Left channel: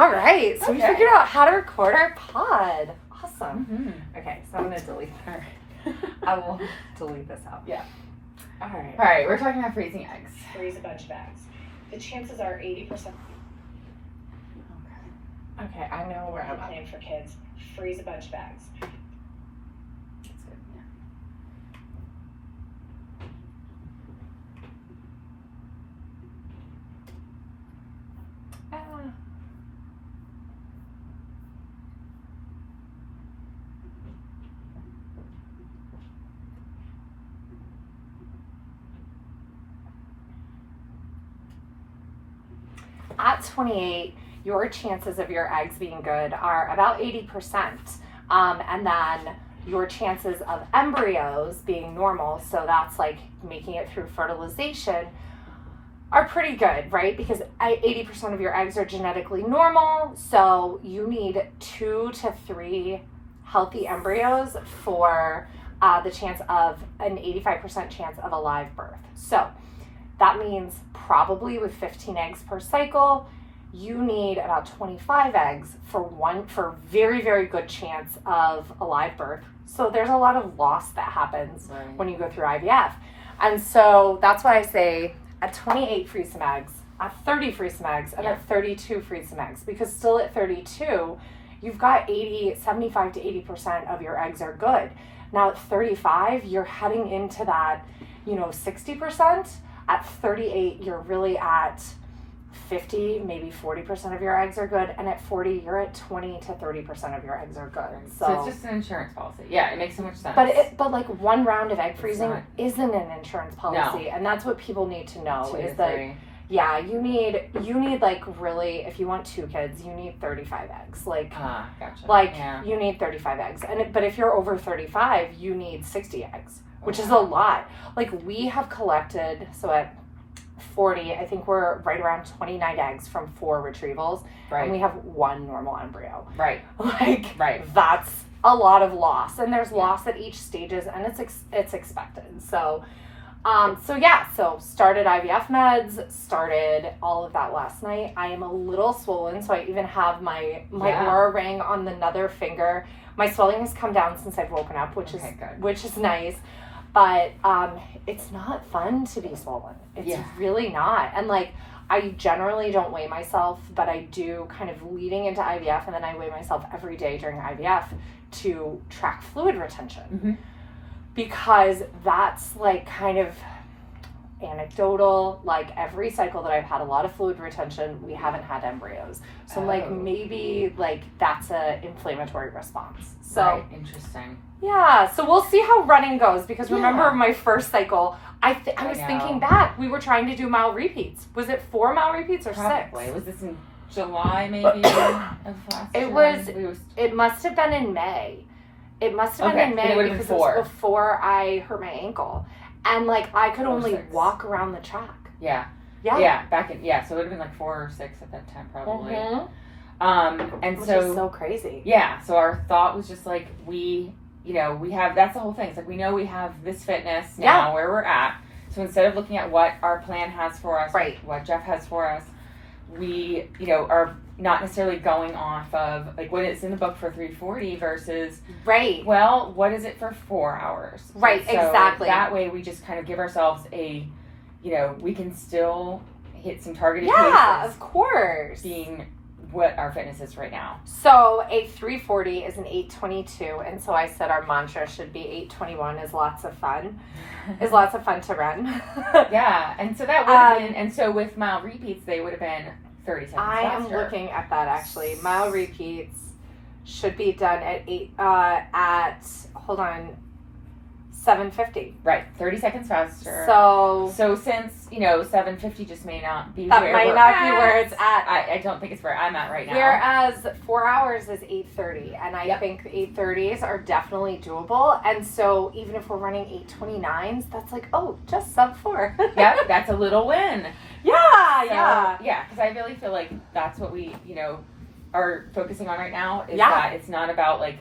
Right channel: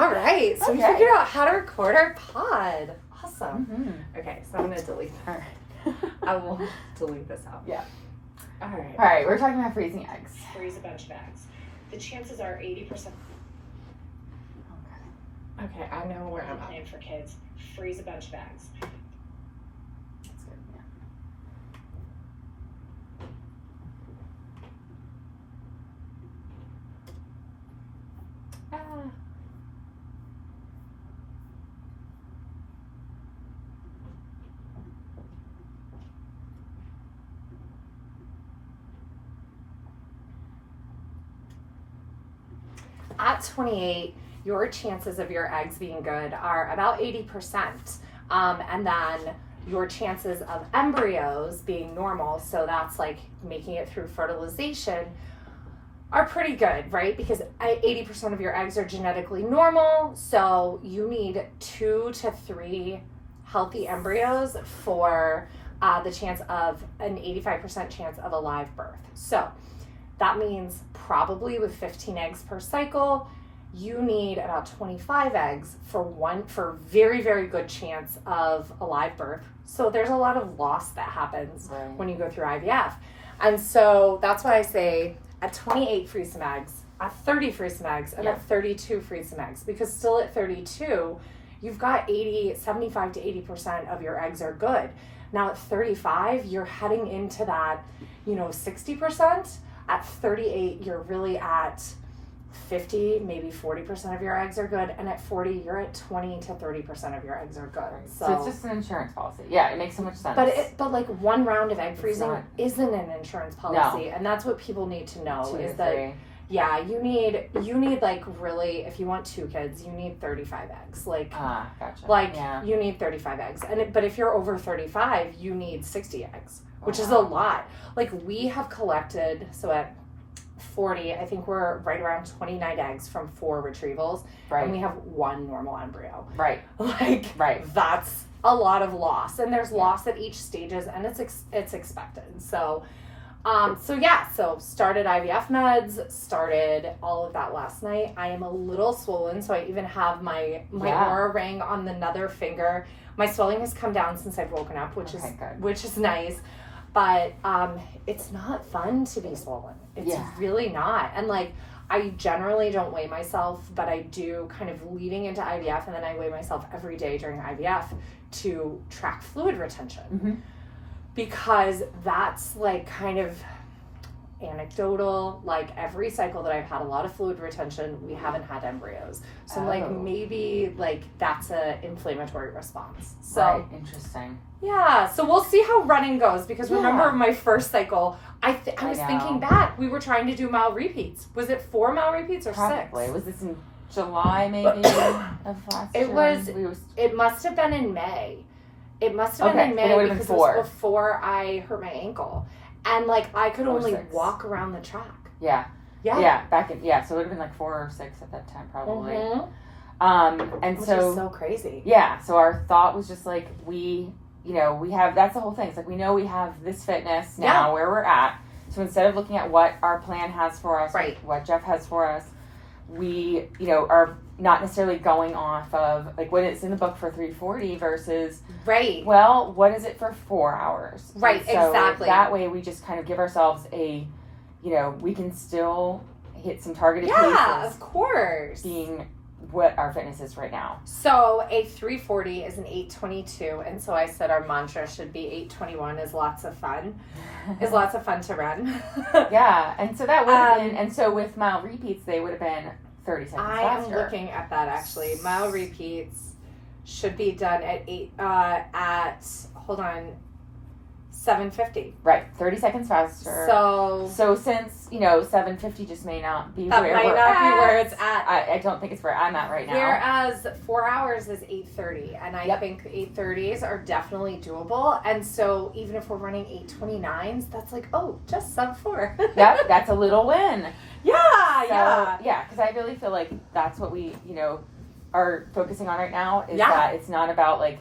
All right. So we figured out how to record our pod. Awesome. Mm-hmm. Okay. So I'm going to delete her. I will delete this out. Yeah. All right. All right. We're talking about freezing eggs. Freeze a bunch of eggs. The chances are 80%. Okay. I know where I'm at. Plan for kids. Freeze a bunch of eggs. That's good. Yeah. At 28, your chances of your eggs being good are about 80%. And then your chances of embryos being normal, so that's like making it through fertilization, are pretty good, right? Because 80% of your eggs are genetically normal, so you need 2 to 3 healthy embryos for the chance of an 85% chance of a live birth. So that means probably with 15 eggs per cycle, you need about 25 eggs for very, very good chance of a live birth. So there's a lot of loss that happens when you go through IVF. And so that's why I say at 28, freeze some eggs, at 30, freeze some eggs, and at 32, freeze some eggs. Because still at 32, you've got 75 to 80% of your eggs are good. Now at 35, you're heading into that, 60%. At 38, you're really at 50, maybe 40% of your eggs are good. And at 40, you're at 20 to 30% of your eggs are good. Right. So it's just an insurance policy. Yeah, it makes so much sense. But like one round of egg freezing isn't an insurance policy. No. And that's what people need to know is that, yeah, you need like really, if you want 2 kids, you need 35 eggs. Like, gotcha. You need 35 eggs. But if you're over 35, you need 60 eggs. Which is a lot. Like we have collected, so at 40, I think we're right around 29 eggs from 4 retrievals. Right. And we have 1 normal embryo. Right. That's a lot of loss. And there's loss at each stages and it's expected. So started IVF meds, started all of that last night. I am a little swollen, so I even have my Oura ring on the nether finger. My swelling has come down since I've woken up, which is nice. But it's not fun to be swollen. It's really not. And like, I generally don't weigh myself, but I do kind of leading into IVF, and then I weigh myself every day during IVF to track fluid retention. Mm-hmm. Because that's like kind of anecdotal. Like every cycle that I've had a lot of fluid retention, we haven't had embryos. So like maybe like that's a inflammatory response. So interesting. Yeah, so we'll see how running goes, because remember my first cycle, I was thinking back, we were trying to do mile repeats. Was it 4 mile repeats or 6? Probably. Was this in July maybe of last year? It must have been in May. It must have been in May because it was before I hurt my ankle. And like I could only walk around the track. Yeah. So it would have been like 4 or 6 at that time probably. Mm-hmm. Which is so crazy. Yeah, so our thought was just like we have, that's the whole thing. It's like we know we have this fitness now where we're at. So instead of looking at what our plan has for us, what Jeff has for us, we, are not necessarily going off of like what is in the book for 340 versus well, what is it for 4 hours? Right, so exactly. That way we just kind of give ourselves a, we can still hit some targeted paces. Yeah, of course. Being what our fitness is right now. So a 340 is an 822, and so I said our mantra should be 821 is lots of fun. Is lots of fun to run. Yeah, and so that would have been, and so with mile repeats they would have been 30 seconds faster. I am looking at that actually. Mile repeats should be done at 750. Right, 30 seconds faster. So since 750 just may not be that might not be where it's at. I don't think it's where I'm at right now. Whereas 4 hours is 830, and I think 830s are definitely doable. And so even if we're running 829s, that's like just sub 4. Yep, that's a little win. Yeah. Because I really feel like that's what we are focusing on right now. Is that it's not about like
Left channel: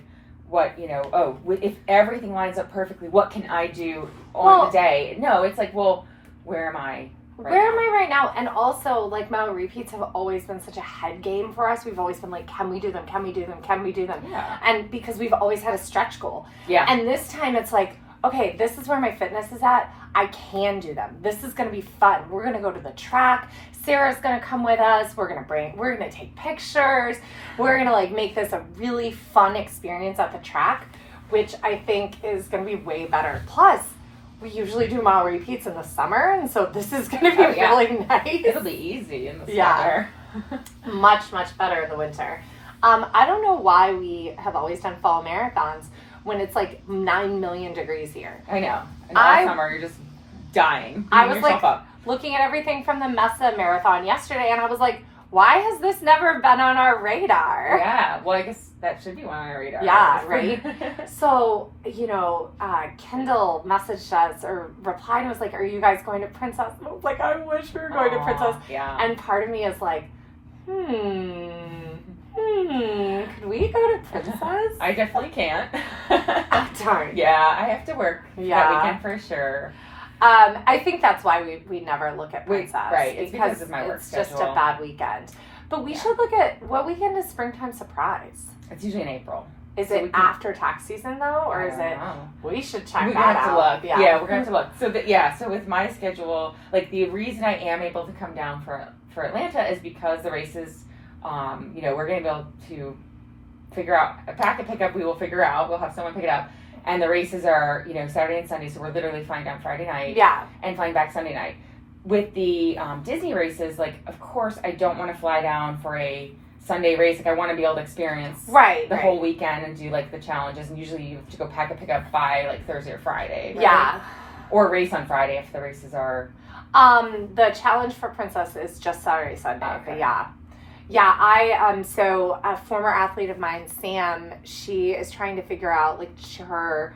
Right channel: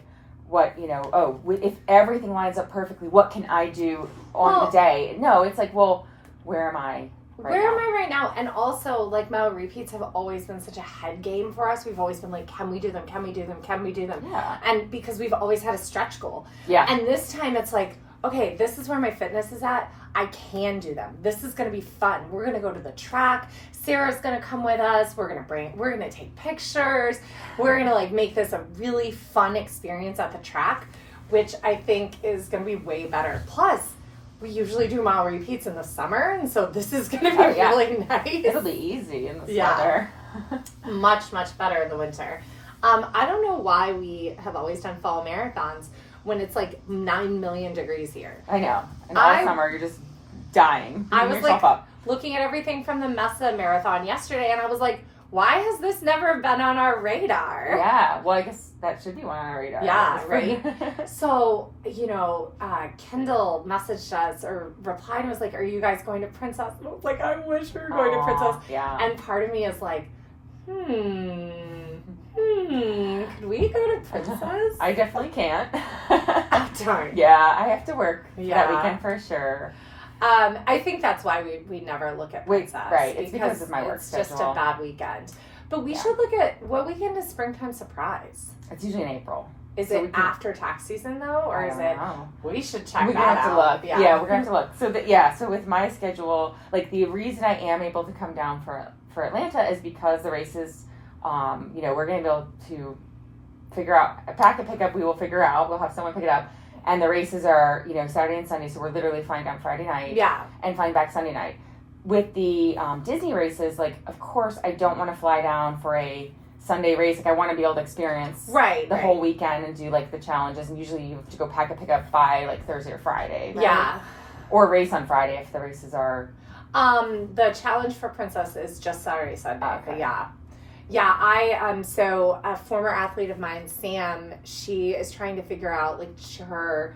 what, if everything lines up perfectly, what can I do on the day? No, it's like, well, where am I Where am I right now? And also, like, mile repeats have always been such a head game for us. We've always been like, can we do them? Can we do them? Can we do them? Yeah. And because we've always had a stretch goal. Yeah. And this time it's like, okay, this is where my fitness is at. I can do them. This is going to be fun. We're going to go to the track. Sarah's going to come with us. We're going to take pictures. We're going to like make this a really fun experience at the track, which I think is going to be way better. Plus, we usually do mile repeats in the summer, and so this is going to be really nice. It'll be easy in the summer. Much, much better in the winter. I don't know why we have always done fall marathons when it's like 9 million degrees here. I know. And all summer, you're just dying. I was like looking at everything from the Mesa Marathon yesterday, and I was like, why has this never been on our radar? Yeah, well, I guess that should be one on our radar. Yeah, right? So, Kendall messaged us or replied and was like, are you guys going to Princess? And I was like, I wish we were going to Princess. Yeah. And part of me is like, could we go to Princess? I definitely can't. Darn. Yeah, I have to work that weekend for sure. I think that's why we never look at Princess. Right, it's because of my work schedule. It's just a bad weekend. But we should look at, what weekend is Springtime Surprise? It's usually in April. Is it after tax season though, or is it? We should check that out. We're gonna have to look. Yeah, we're gonna have to look. So with my schedule, like the reason I am able to come down for Atlanta is because the races, we're gonna be able to figure out pack and pick up. We will figure out. We'll have someone pick it up, and the races are Saturday and Sunday. So we're literally flying down Friday night. Yeah. And flying back Sunday night. With the Disney races, like of course I don't want to fly down for a Sunday race. Like I want to be able to experience the whole weekend and do like the challenges. And usually you have to go pack and pick up by like Thursday or Friday. Right? Yeah. Or race on Friday if the races are. The challenge for Princess is just Saturday, Sunday. Okay. But yeah. So a former athlete of mine, Sam, she is trying to figure out like her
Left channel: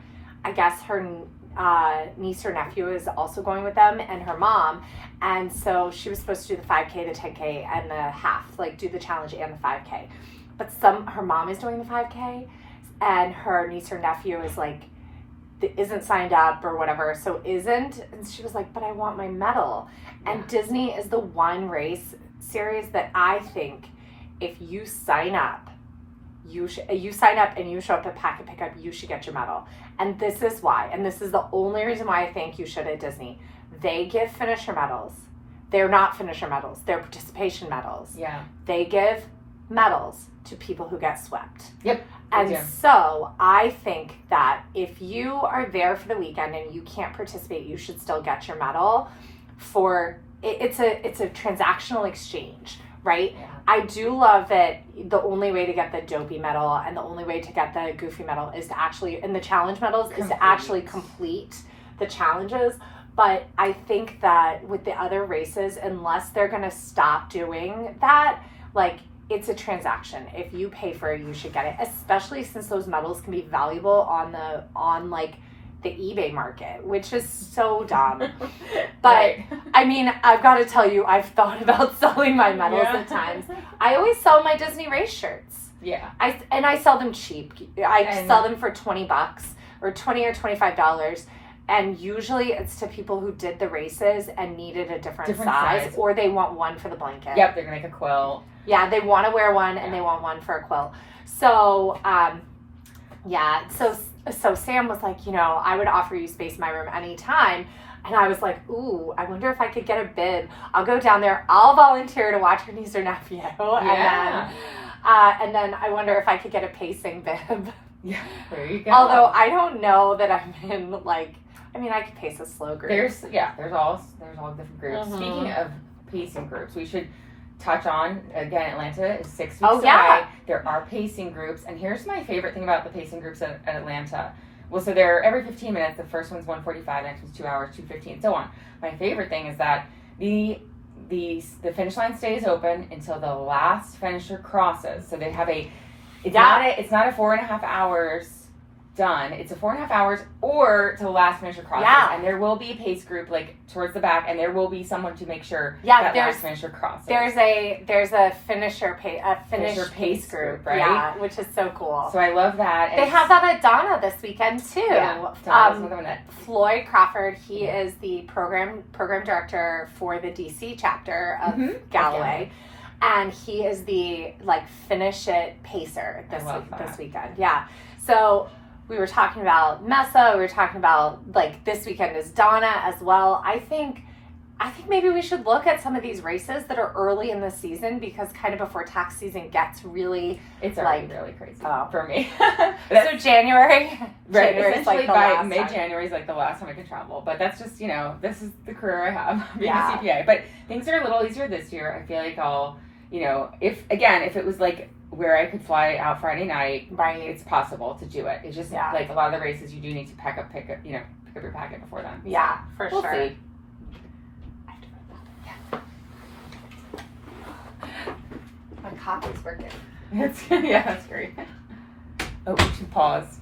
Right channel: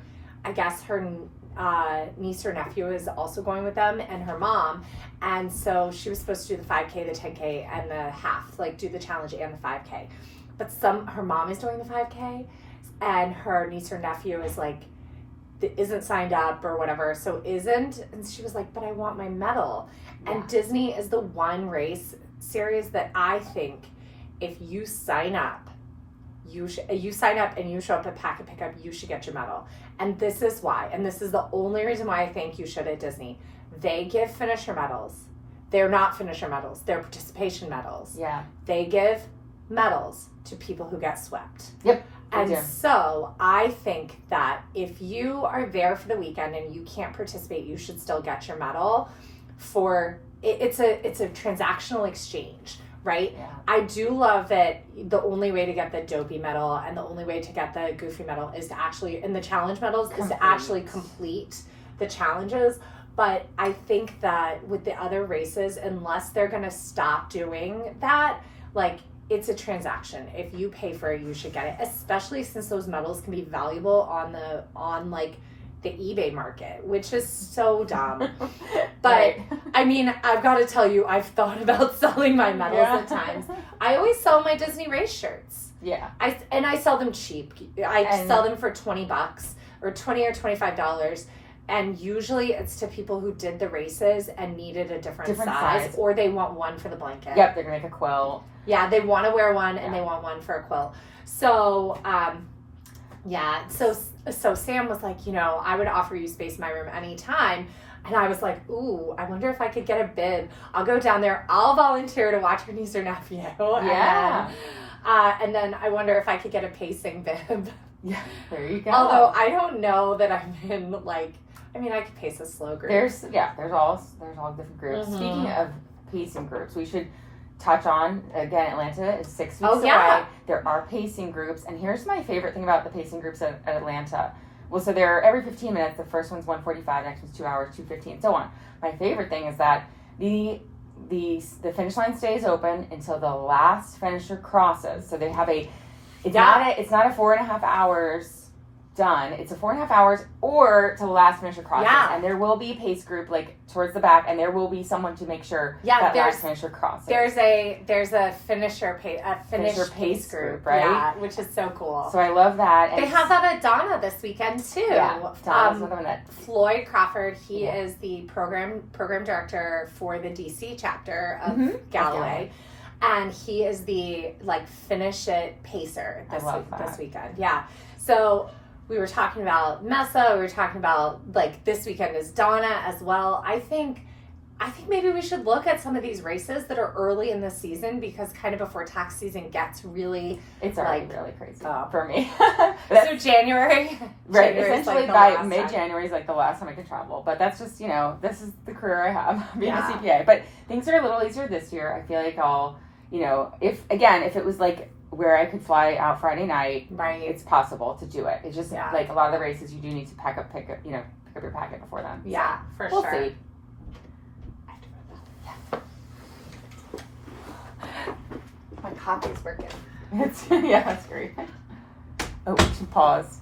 niece or nephew is also going with them, and her mom. And so she was supposed to do the 5K, the 10K, and the half, like do the challenge and the 5K. But her mom is doing the 5K, and her niece or nephew is like, isn't signed up or whatever, so isn't. And she was like, but I want my medal. Yeah. And Disney is the one race series that I think if you sign up, you sign up and you show up at Pack and Pick Up, you should get your medal. And this is why. And this is the only reason why I think you should at Disney. They give finisher medals. They're not finisher medals. They're participation medals. Yeah. They give medals to people who get swept. Yep. And so I think that if you are there for the weekend and you can't participate, you should still get your medal. It's a transactional exchange, right? Yeah. I do love that the only way to get the Dopey medal and the only way to get the Goofy medal is to actually, and the challenge medals is to actually complete the challenges. But I think that with the other races, unless they're going to stop doing that, like it's a transaction. If you pay for it, you should get it, especially since those medals can be valuable on the eBay market, which is so dumb. But I mean, I've got to tell you, I've thought about selling my medals at times. I always sell my Disney race shirts. Yeah. I sell them cheap. I sell them for $20 or $20 or $25. And usually it's to people who did the races and needed a different size, or they want one for the blanket. Yep, they're going to make a quilt. Yeah, they want to wear one and they want one for a quilt. So, so Sam was like, I would offer you space in my room anytime. And I was like, ooh, I wonder if I could get a bib. I'll go down there. I'll volunteer to watch her niece or nephew. Yeah. And then I wonder if I could get a pacing bib. Yeah, there you go. Although I don't know that I'm in I could pace a slow group. There's all different groups. Mm-hmm. Speaking of pacing groups, we should touch on, again, Atlanta is 6 weeks away. Yeah. There are pacing groups, and here's my favorite thing about the pacing groups at Atlanta. Well, so they're every 15 minutes. The first one's 1:45, the next one's 2 hours, 2:15, and so on. My favorite thing is that the finish line stays open until the last finisher crosses. So they have it's not a 4.5 hours done. It's a 4.5 hours or to the last finisher crosses. Yeah. And there will be a pace group like towards the back, and there will be someone to make sure Yeah, that last finisher crosses. There's a finisher pace group, right? Yeah, which is so cool. So I love that. They have that at Donna this weekend too. Yeah, Donna's another one that Floyd Crawford, he is the program director for the DC chapter of Galloway. And he is the like finish it pacer this weekend. Yeah. So we were talking about Mesa, we were talking about like this weekend is Donna as well. I think maybe we should look at some of these races that are early in the season, because kind of before tax season gets really, it's already really crazy for me. So January, right? January's Essentially like the by last mid-January is like the last time I can travel. But that's just, you know, this is the career I have being a Yeah. CPA. But things are a little easier this year. I feel like I'll, you know, if it was like where I could fly out Friday night, right? It's possible to do it. It's just like a lot of the races you do need to pick up your packet before then. Yeah, for we'll sure. See. My coffee's working. That's great. Oh, we should pause.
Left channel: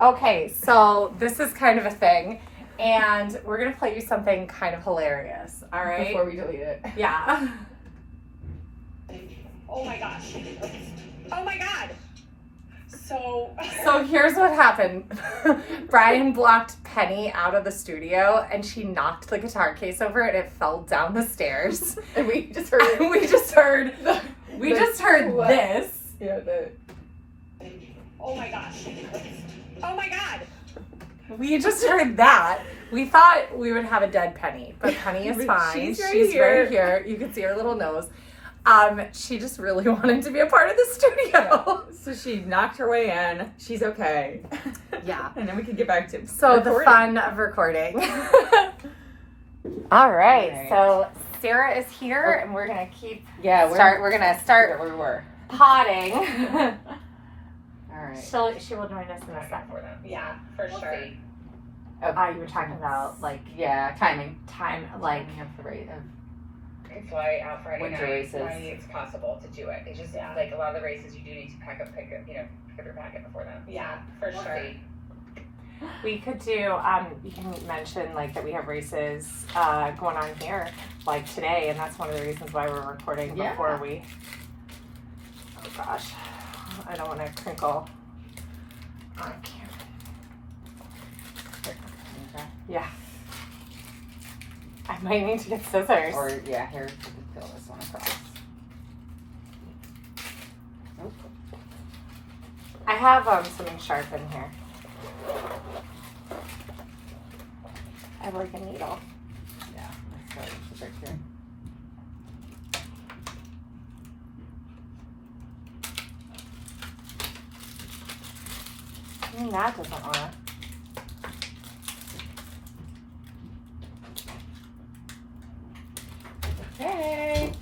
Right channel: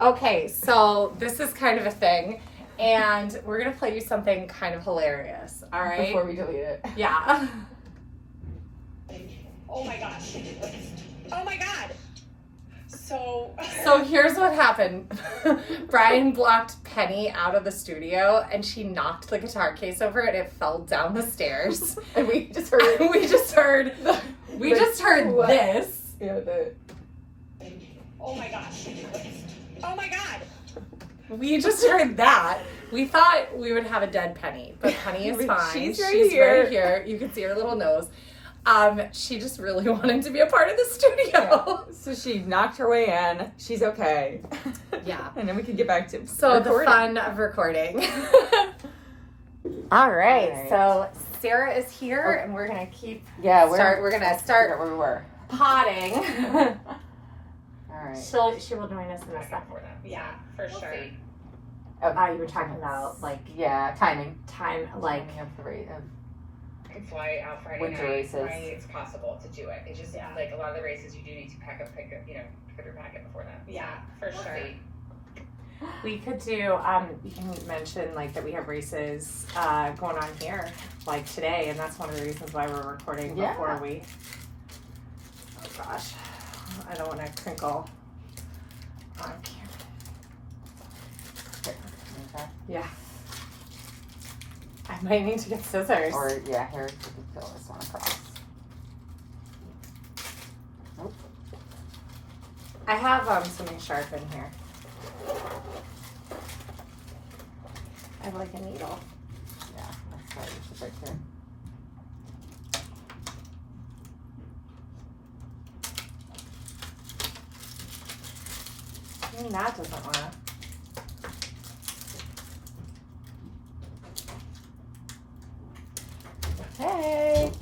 Okay, so this is kind of a thing, and we're gonna play you something kind of hilarious. All right. Before we delete it. Yeah. Oh my gosh. Oh my god. So here's what happened. Brian blocked Penny out of the studio, and she knocked the guitar case over, and it fell down the stairs. And we just heard this. Yeah, oh my gosh. Oh my god. We just heard that. We thought we would have a dead Penny, but Penny is fine. She's She's right right here. You can see her little nose. She just really wanted to be a part of the studio. So she knocked her way in. She's okay. Yeah. And then we can get back to So recording. the fun of recording. All right. So Sarah is here, and we're gonna keep. We're gonna start where we were. potting. All right. She will join us in a second. Yeah, for sure. See. You were talking about like timing like of the rate of I can fly out Friday winter night. races. It's possible to do it. It's just like a lot of the races you do need to pick up your packet before then. Yeah, for sure. See. we could do. You can mention like that we have races going on here like today, and that's one of the reasons why we're recording before we. Oh gosh, I don't want to crinkle. I can't. Yeah. I might need to get scissors. Or here you can fill this one across. Nope. I have something sharp in here. I have like a needle. Yeah, that's right. It's right here. That doesn't wanna. Hey.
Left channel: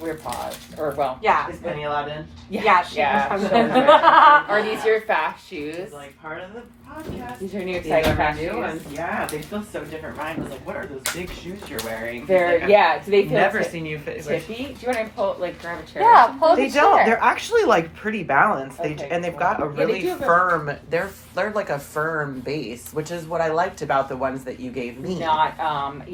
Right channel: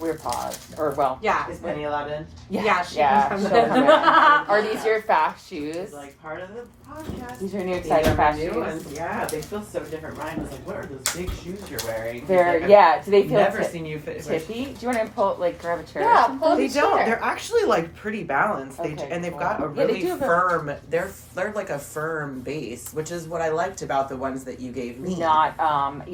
We're paused. Or Yeah. Is Penny allowed in? Yeah, she can come she'll in. come in. Are these your fast shoes? It's like part of the podcast. These are new These exciting are fast new shoes. ones. Yeah, they feel so different. Mine was like, what are those big shoes you're wearing? They're Like, do they feel I've never seen you fit. tippy? Do you want to grab a chair? Yeah, pull They the don't. chair. They're actually like pretty balanced. They Okay, and they've cool. got a Yeah, they really do have a- firm. They're like a firm base, which is what I liked about the ones that you gave me. Not not too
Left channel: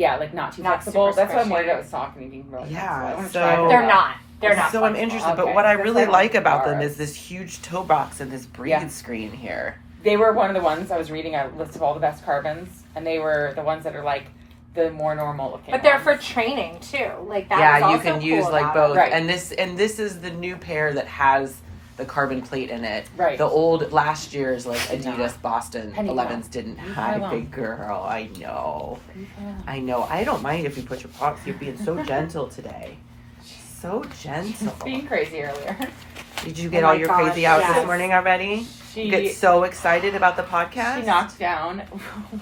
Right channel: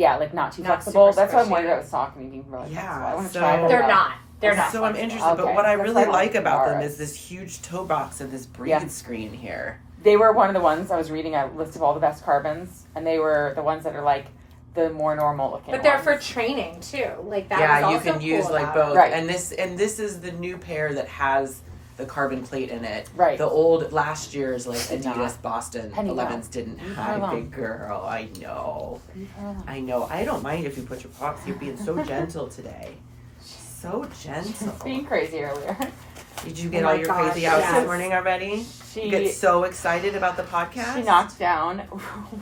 Not flexible. super That's why I'm worried squishy. about the sock and being really Yeah, flexible. I want to so- try them They're out. not. They're not. So I'm flexible. interested, but Okay. what I That's really like like about them ours. is this huge toe box and this breathe Yeah. screen here. They were one of the ones I was reading a list of all the best carbons, and they were the ones that are like the more normal looking. But they're for ones. training too. Like that is Yeah, you also can cool use like about both. it. Right. And this is the new pair that has the carbon plate in it. Right. The old last year's like Did not. Adidas Boston Penny 11s didn't Leave her have. alone. Big girl, I know. I know. I don't mind if you put your paws. You're being so gentle today. So gentle. Being crazy earlier. Did you get Oh all my your gosh, crazy out yes. this morning already? You get She so excited about the podcast. knocked down.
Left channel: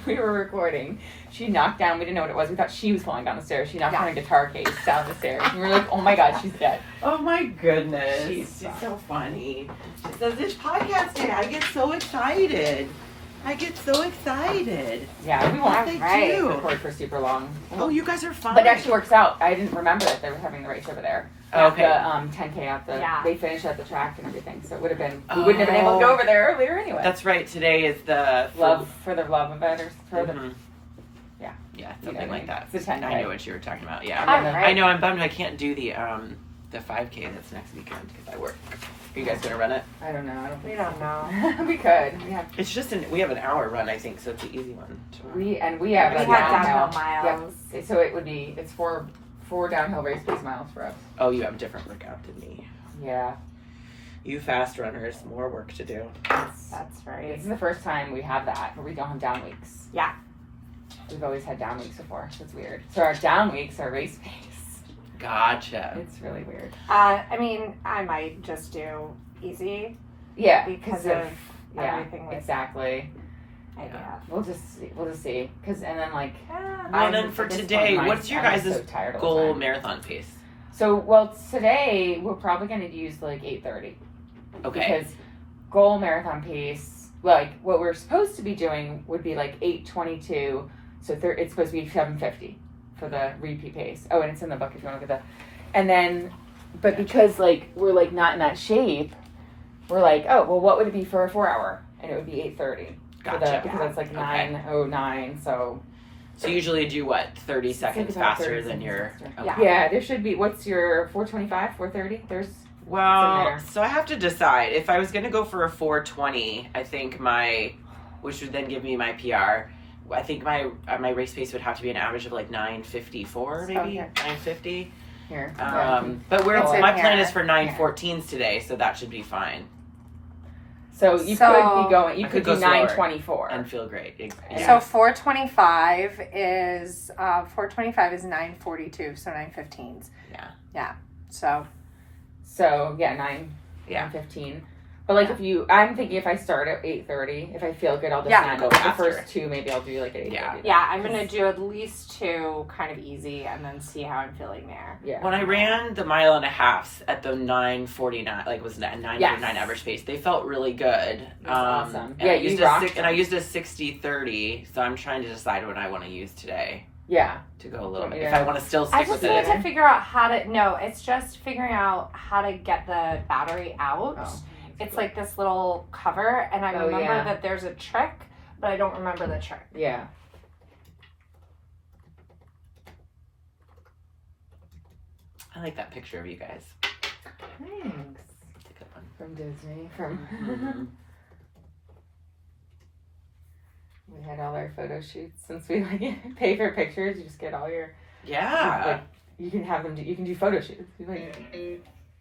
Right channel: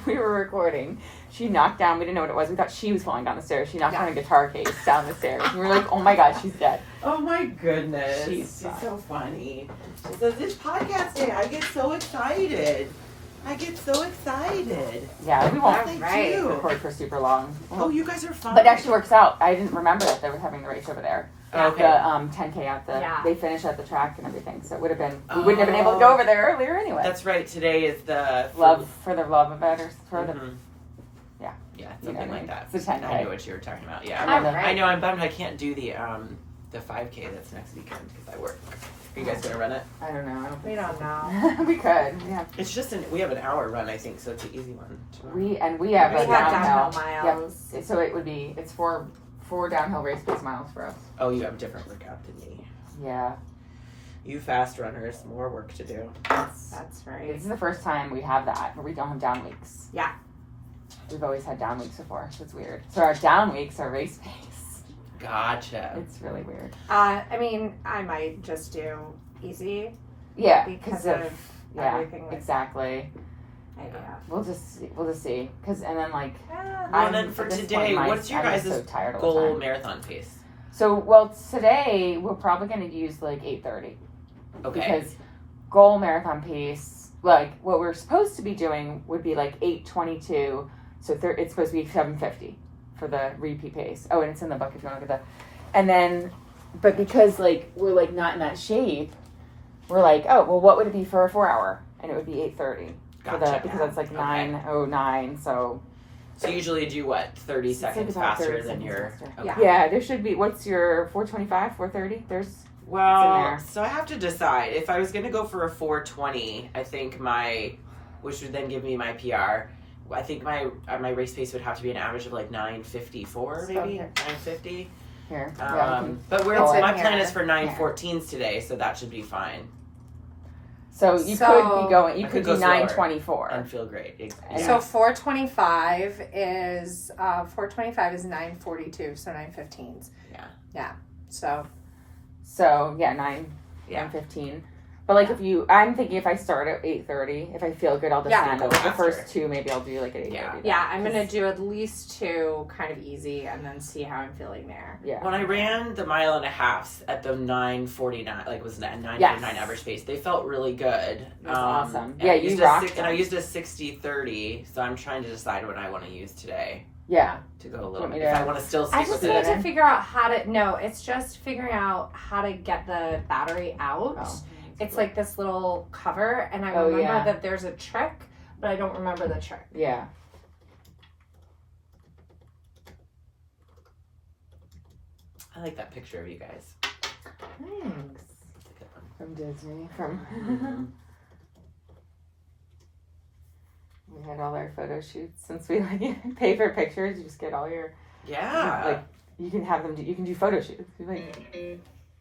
We were recording. She knocked down. We didn't know what it was. We thought she was falling down the stairs. She knocked down a guitar case down the stairs. And we were like, "Oh my god, she's dead." Oh my goodness. She's so funny. She says, this podcast day, I get so excited. I get so excited. Yeah, we won't That's right. record for super long. Oh, you guys are fun. But it actually works out. I didn't remember that they were having the race over there. Okay. The 10K at the, Yeah. they finished at the track and everything. So it would have been, we wouldn't have been able to go over there earlier anyway. That's right. Today is the Love for the love of it or for the, Mhm. yeah. Yeah, You know something what I like mean? that. It's a 10K. I know what you were talking about. Yeah. And then the- I know. I'm bummed I can't do the 5K that's next weekend because I work. Are you guys gonna run it? I don't know. We don't know. We could. Yeah. It's just we have an hour run, I think, so it's an easy one. tomorrow. We have We a have downhill Yeah. miles. So it would be, it's four downhill race pace miles for us. Oh, you have a different workout than me. Yeah. You fast runners, more work to do. That's right. This is the first time we have that, but we don't have down weeks. Yeah. We've always had down weeks before, so it's weird. So our down weeks are race pace. Gotcha. It's really weird. I mean, I might just do easy Yeah, because of yeah, everything with exactly. idea. We'll just see, cause and then like Well, then for at this today, point in my- what's your I'm guys' so tired all the goal time. marathon pace? So well, today we're probably gonna use like 8:30 Okay. because goal marathon pace, like what we're supposed to be doing would be like 8:22. So it's supposed to be 7:50 for the repeat pace. Oh, and it's in the book if you want to look at that. And then, but because like we're like not in that shape, we're like, oh well, what would it be for a 4 hour? And it would be 8:30 for the Gotcha. because that's like Okay. 9:09. So So you usually do what? 30 it's like seconds about 30 faster than seconds your. faster. Okay. Yeah. Yeah, there should be. What's your 4:25, 4:30? There's Well, there. so I have to decide if I was gonna go for a 4:20. I think which would then give me my PR. I think my race pace would have to be an average of like 9:54, maybe Okay. 9:50. here. But It's in my plan here. is for 9:14s today, so that should be fine So you So- could be going. You I could could do go slower. 9:24. and feel great. And Yeah. So 425 is 9:42, so 9:15s. Yeah. Yeah. So So yeah, 9, Yeah. 9:15. But like Yeah. I'm thinking if I start at 8:30, if I feel good, I'll just Yeah. hand Go over the faster. first two. Maybe I'll do like at 8:30. yeah, I'm gonna do at least 2 kind of easy and then see how I'm feeling there. Yeah. When I ran the mile and a half at the 9:49, like was that 9:49 average pace, they felt really good. That's awesome. And Yeah, I you used rocked and I them. used a 60-30, so I'm trying to decide what I want to use today Yeah. to go a little Want me bit. If to- I want to still I stick just with need it. to figure out how to. No, it's just figuring out how to get the battery out. Oh. It's like this little cover, and I Oh, remember yeah. that there's a trick, but I don't remember the trick. Yeah. I like that picture of you guys. Thanks. It's a good one. From Disney. From. Mhm. We had all our photo shoots since we like pay for pictures. You just get all your. Yeah, Like, you can have them. You can do photo shoots. Like,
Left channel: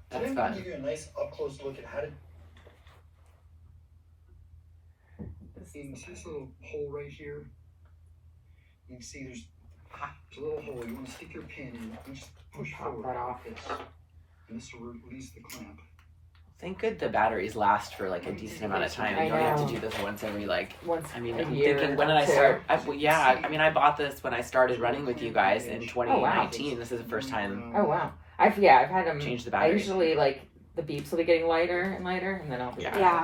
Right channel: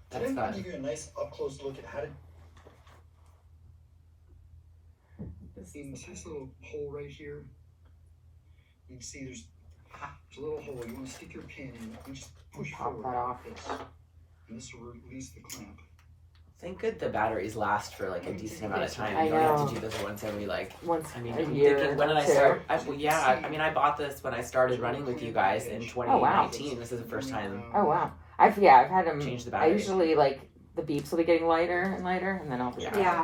that's I'm gonna fun. give you a nice up close look at how to. In this little hole right here, you can see there's a little hole. You want to stick your pin in and just push Pop forward that off. like this, and this will release the clamp. Thank good the batteries last for like a decent amount of time. I And you only have know. to do this once every like. once I mean, a I'm year. thinking, when did I two. start? Well, yeah, I mean, I bought this when I started running with you guys in 2019. Oh, This is the first time Oh wow. I've had them. changed the I battery. usually like the beeps will be getting lighter and lighter, and then I'll be Yeah.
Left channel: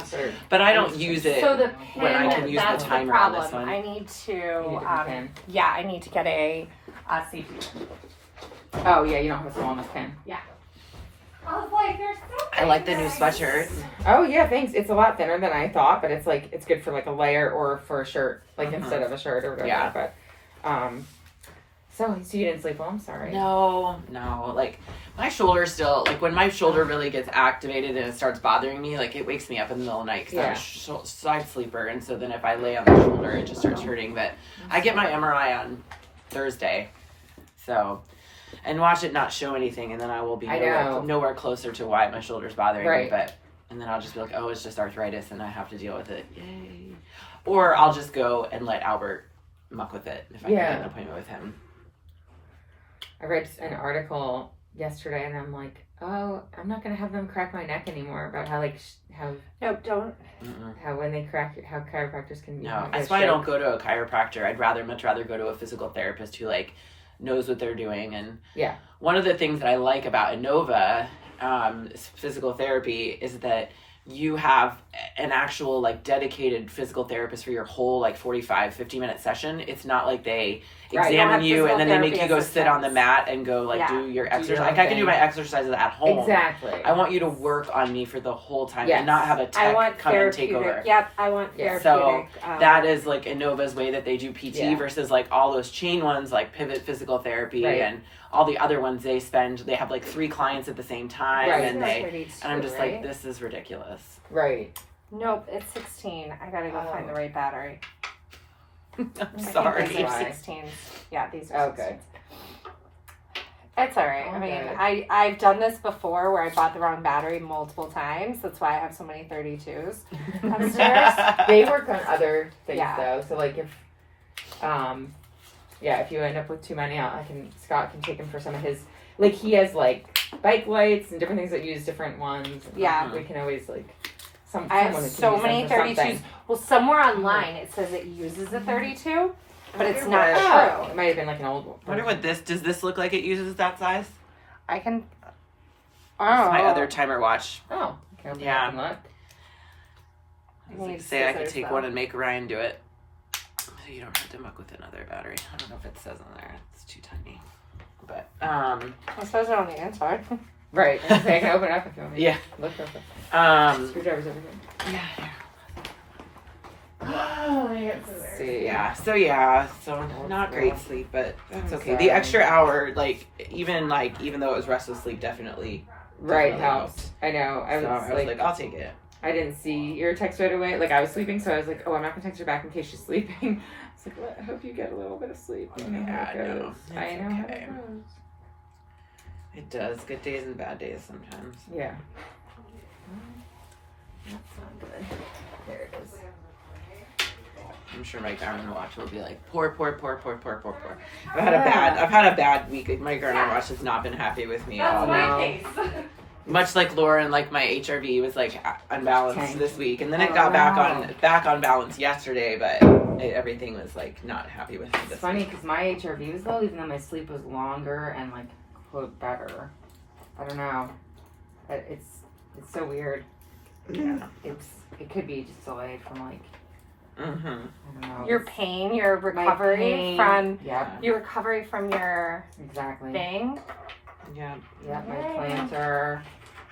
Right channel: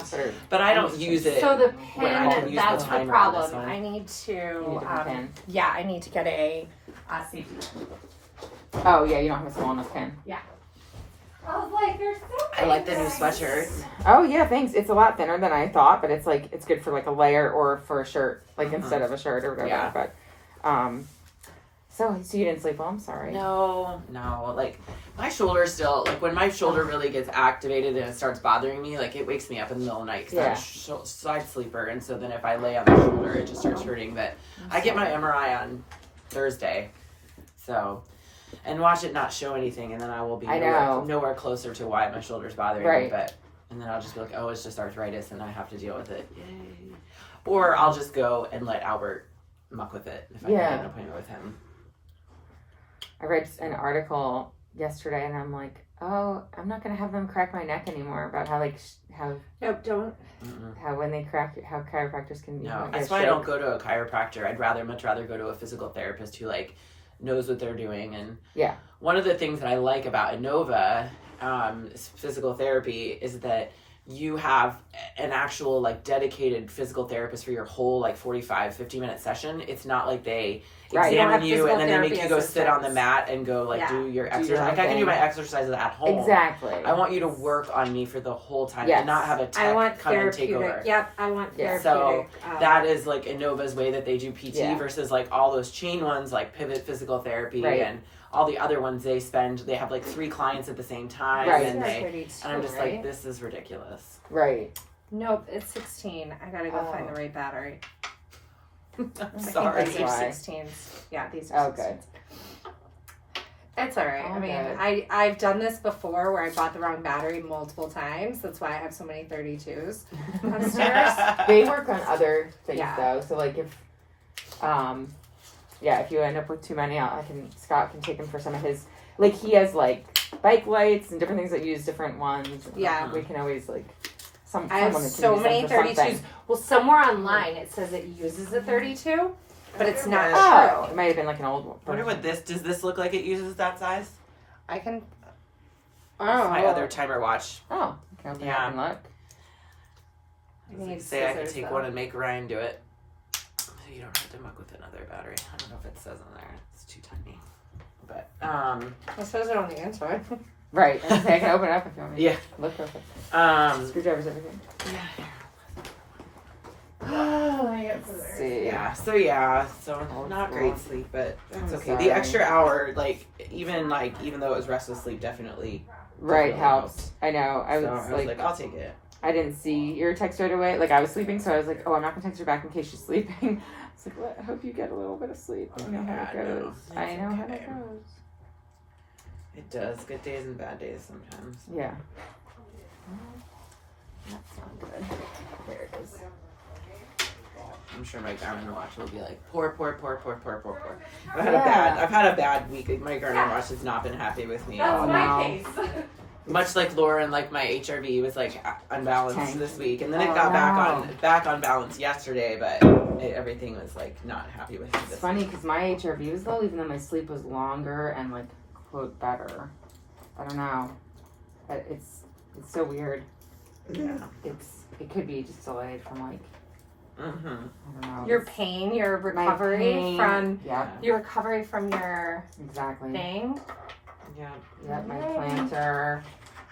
But I don't use it. So the when I can pin, use the that's the timer on problem. this one. I need You need to, a different pin. yeah, I need to get a CPU. Oh yeah, you don't have a small enough pin. I was like, there's so I like the new sweatshirt. Oh yeah, thanks. It's a lot thinner than I thought, but it's like it's good for like a layer or for a shirt, like Mhm. instead of a shirt or whatever. Yeah. But so you didn't sleep well. I'm sorry. No, like my shoulder still, like when my shoulder really gets activated and it starts bothering me, like it wakes me up in the middle of the night because I'm Yeah. a side sleeper, and so then if I lay on the shoulder, it just starts hurting. But I get my MRI on Thursday, so and watch it not show anything, and then I will be I know. nowhere closer to why my shoulder's bothering me. Right. But and then I'll just be like, oh, it's just arthritis, and I have to deal with it. Yay! Or I'll just go and let Albert muck with it if I can Yeah. get an appointment with him. I read an article yesterday, and I'm like, oh, I'm not gonna have them crack my neck anymore about how like how Nope, don't. Mm-mm. when they crack how chiropractors can be. No, that's why I don't go to a chiropractor. I'd much rather go to a physical therapist who like knows what they're doing. And Yeah. one of the things that I like about Innova physical therapy is that you have an actual like dedicated physical therapist for your whole like 45-50 minute session. It's not like they Right. examine You don't you have and then they make physical you go sit on the assistants. mat and go like Yeah. do your Do exercise. your own Like I can do thing. my exercises at home. Exactly. I want you to work on me for the whole time Yes. and not have a I tech want come and take over. therapeutic. Yep, I want Yeah. therapeutic. That is like Innova's way that they do PT Yeah. versus like all those chain ones like Pivot Physical Therapy Right. and all the other ones they have like 3 clients at the same time Right. and It's they 32, and I'm just right? like, this is ridiculous. Right. Nope, it's 16. I gotta go find the right battery. I'm I sorry. think these are Why? 16s. Yeah, these are Okay. 16s. It's alright. I mean, Okay. I've done this before where I bought the wrong battery multiple times. That's why I have so many 32s upstairs. They work on other things Yeah. though. So like if, if you end up with too many, Scott can take him for some of his. Like he has like bike lights and different things that use different ones. Yeah. We can always like. I someone have can so use many them for 32s. something. Well, somewhere online it says it uses a 32, but it's not Oh, true. it might have been like an old one. I wonder what does this look like it uses that size? I can. Oh. My other timer watch. Oh, okay. Open Yeah. up and look. I need Say I could scissors, take though. one and make Ryan do it. So you don't have to muck with another battery. I don't know if it says on there. It's too tiny. But It says it on the inside. Right. I can open it up if you want me. yeah. Look perfect. Screwdrivers, everything. Yeah. Let's see. Yeah. So not great sleep, but that's I'm okay. The sorry. extra hour, even though it was restless sleep, definitely. Right, definitely helps. I know. I So was, I was like, I'll take it. I didn't see your text right away. Like I was sleeping, so I was like, "Oh, I'm not gonna text her back in case she's sleeping." It's like, well, I hope you get a little bit of sleep. I know how it Yeah, goes. it's I know how okay. it goes. It does. Good days and bad days sometimes. Yeah. That's not good. There it is. I'm sure my Garmin watch will be like poor. I've had a bad week. My Garmin watch has not been happy with me. Oh, no. Much like Lauren, like my HRV was like unbalanced Tank. this week, and then it Oh, got no. back on balance yesterday, but everything was like not happy with me It's this funny week. because my HRV was low, even though my sleep was longer and like quote better. I don't know. It's so weird. Yeah. It could be just delayed from like Mm-hmm. I don't know. Your pain, your My recovery pain. from Yep, your recovery from your exactly. thing. Yeah. Yep, my plantar.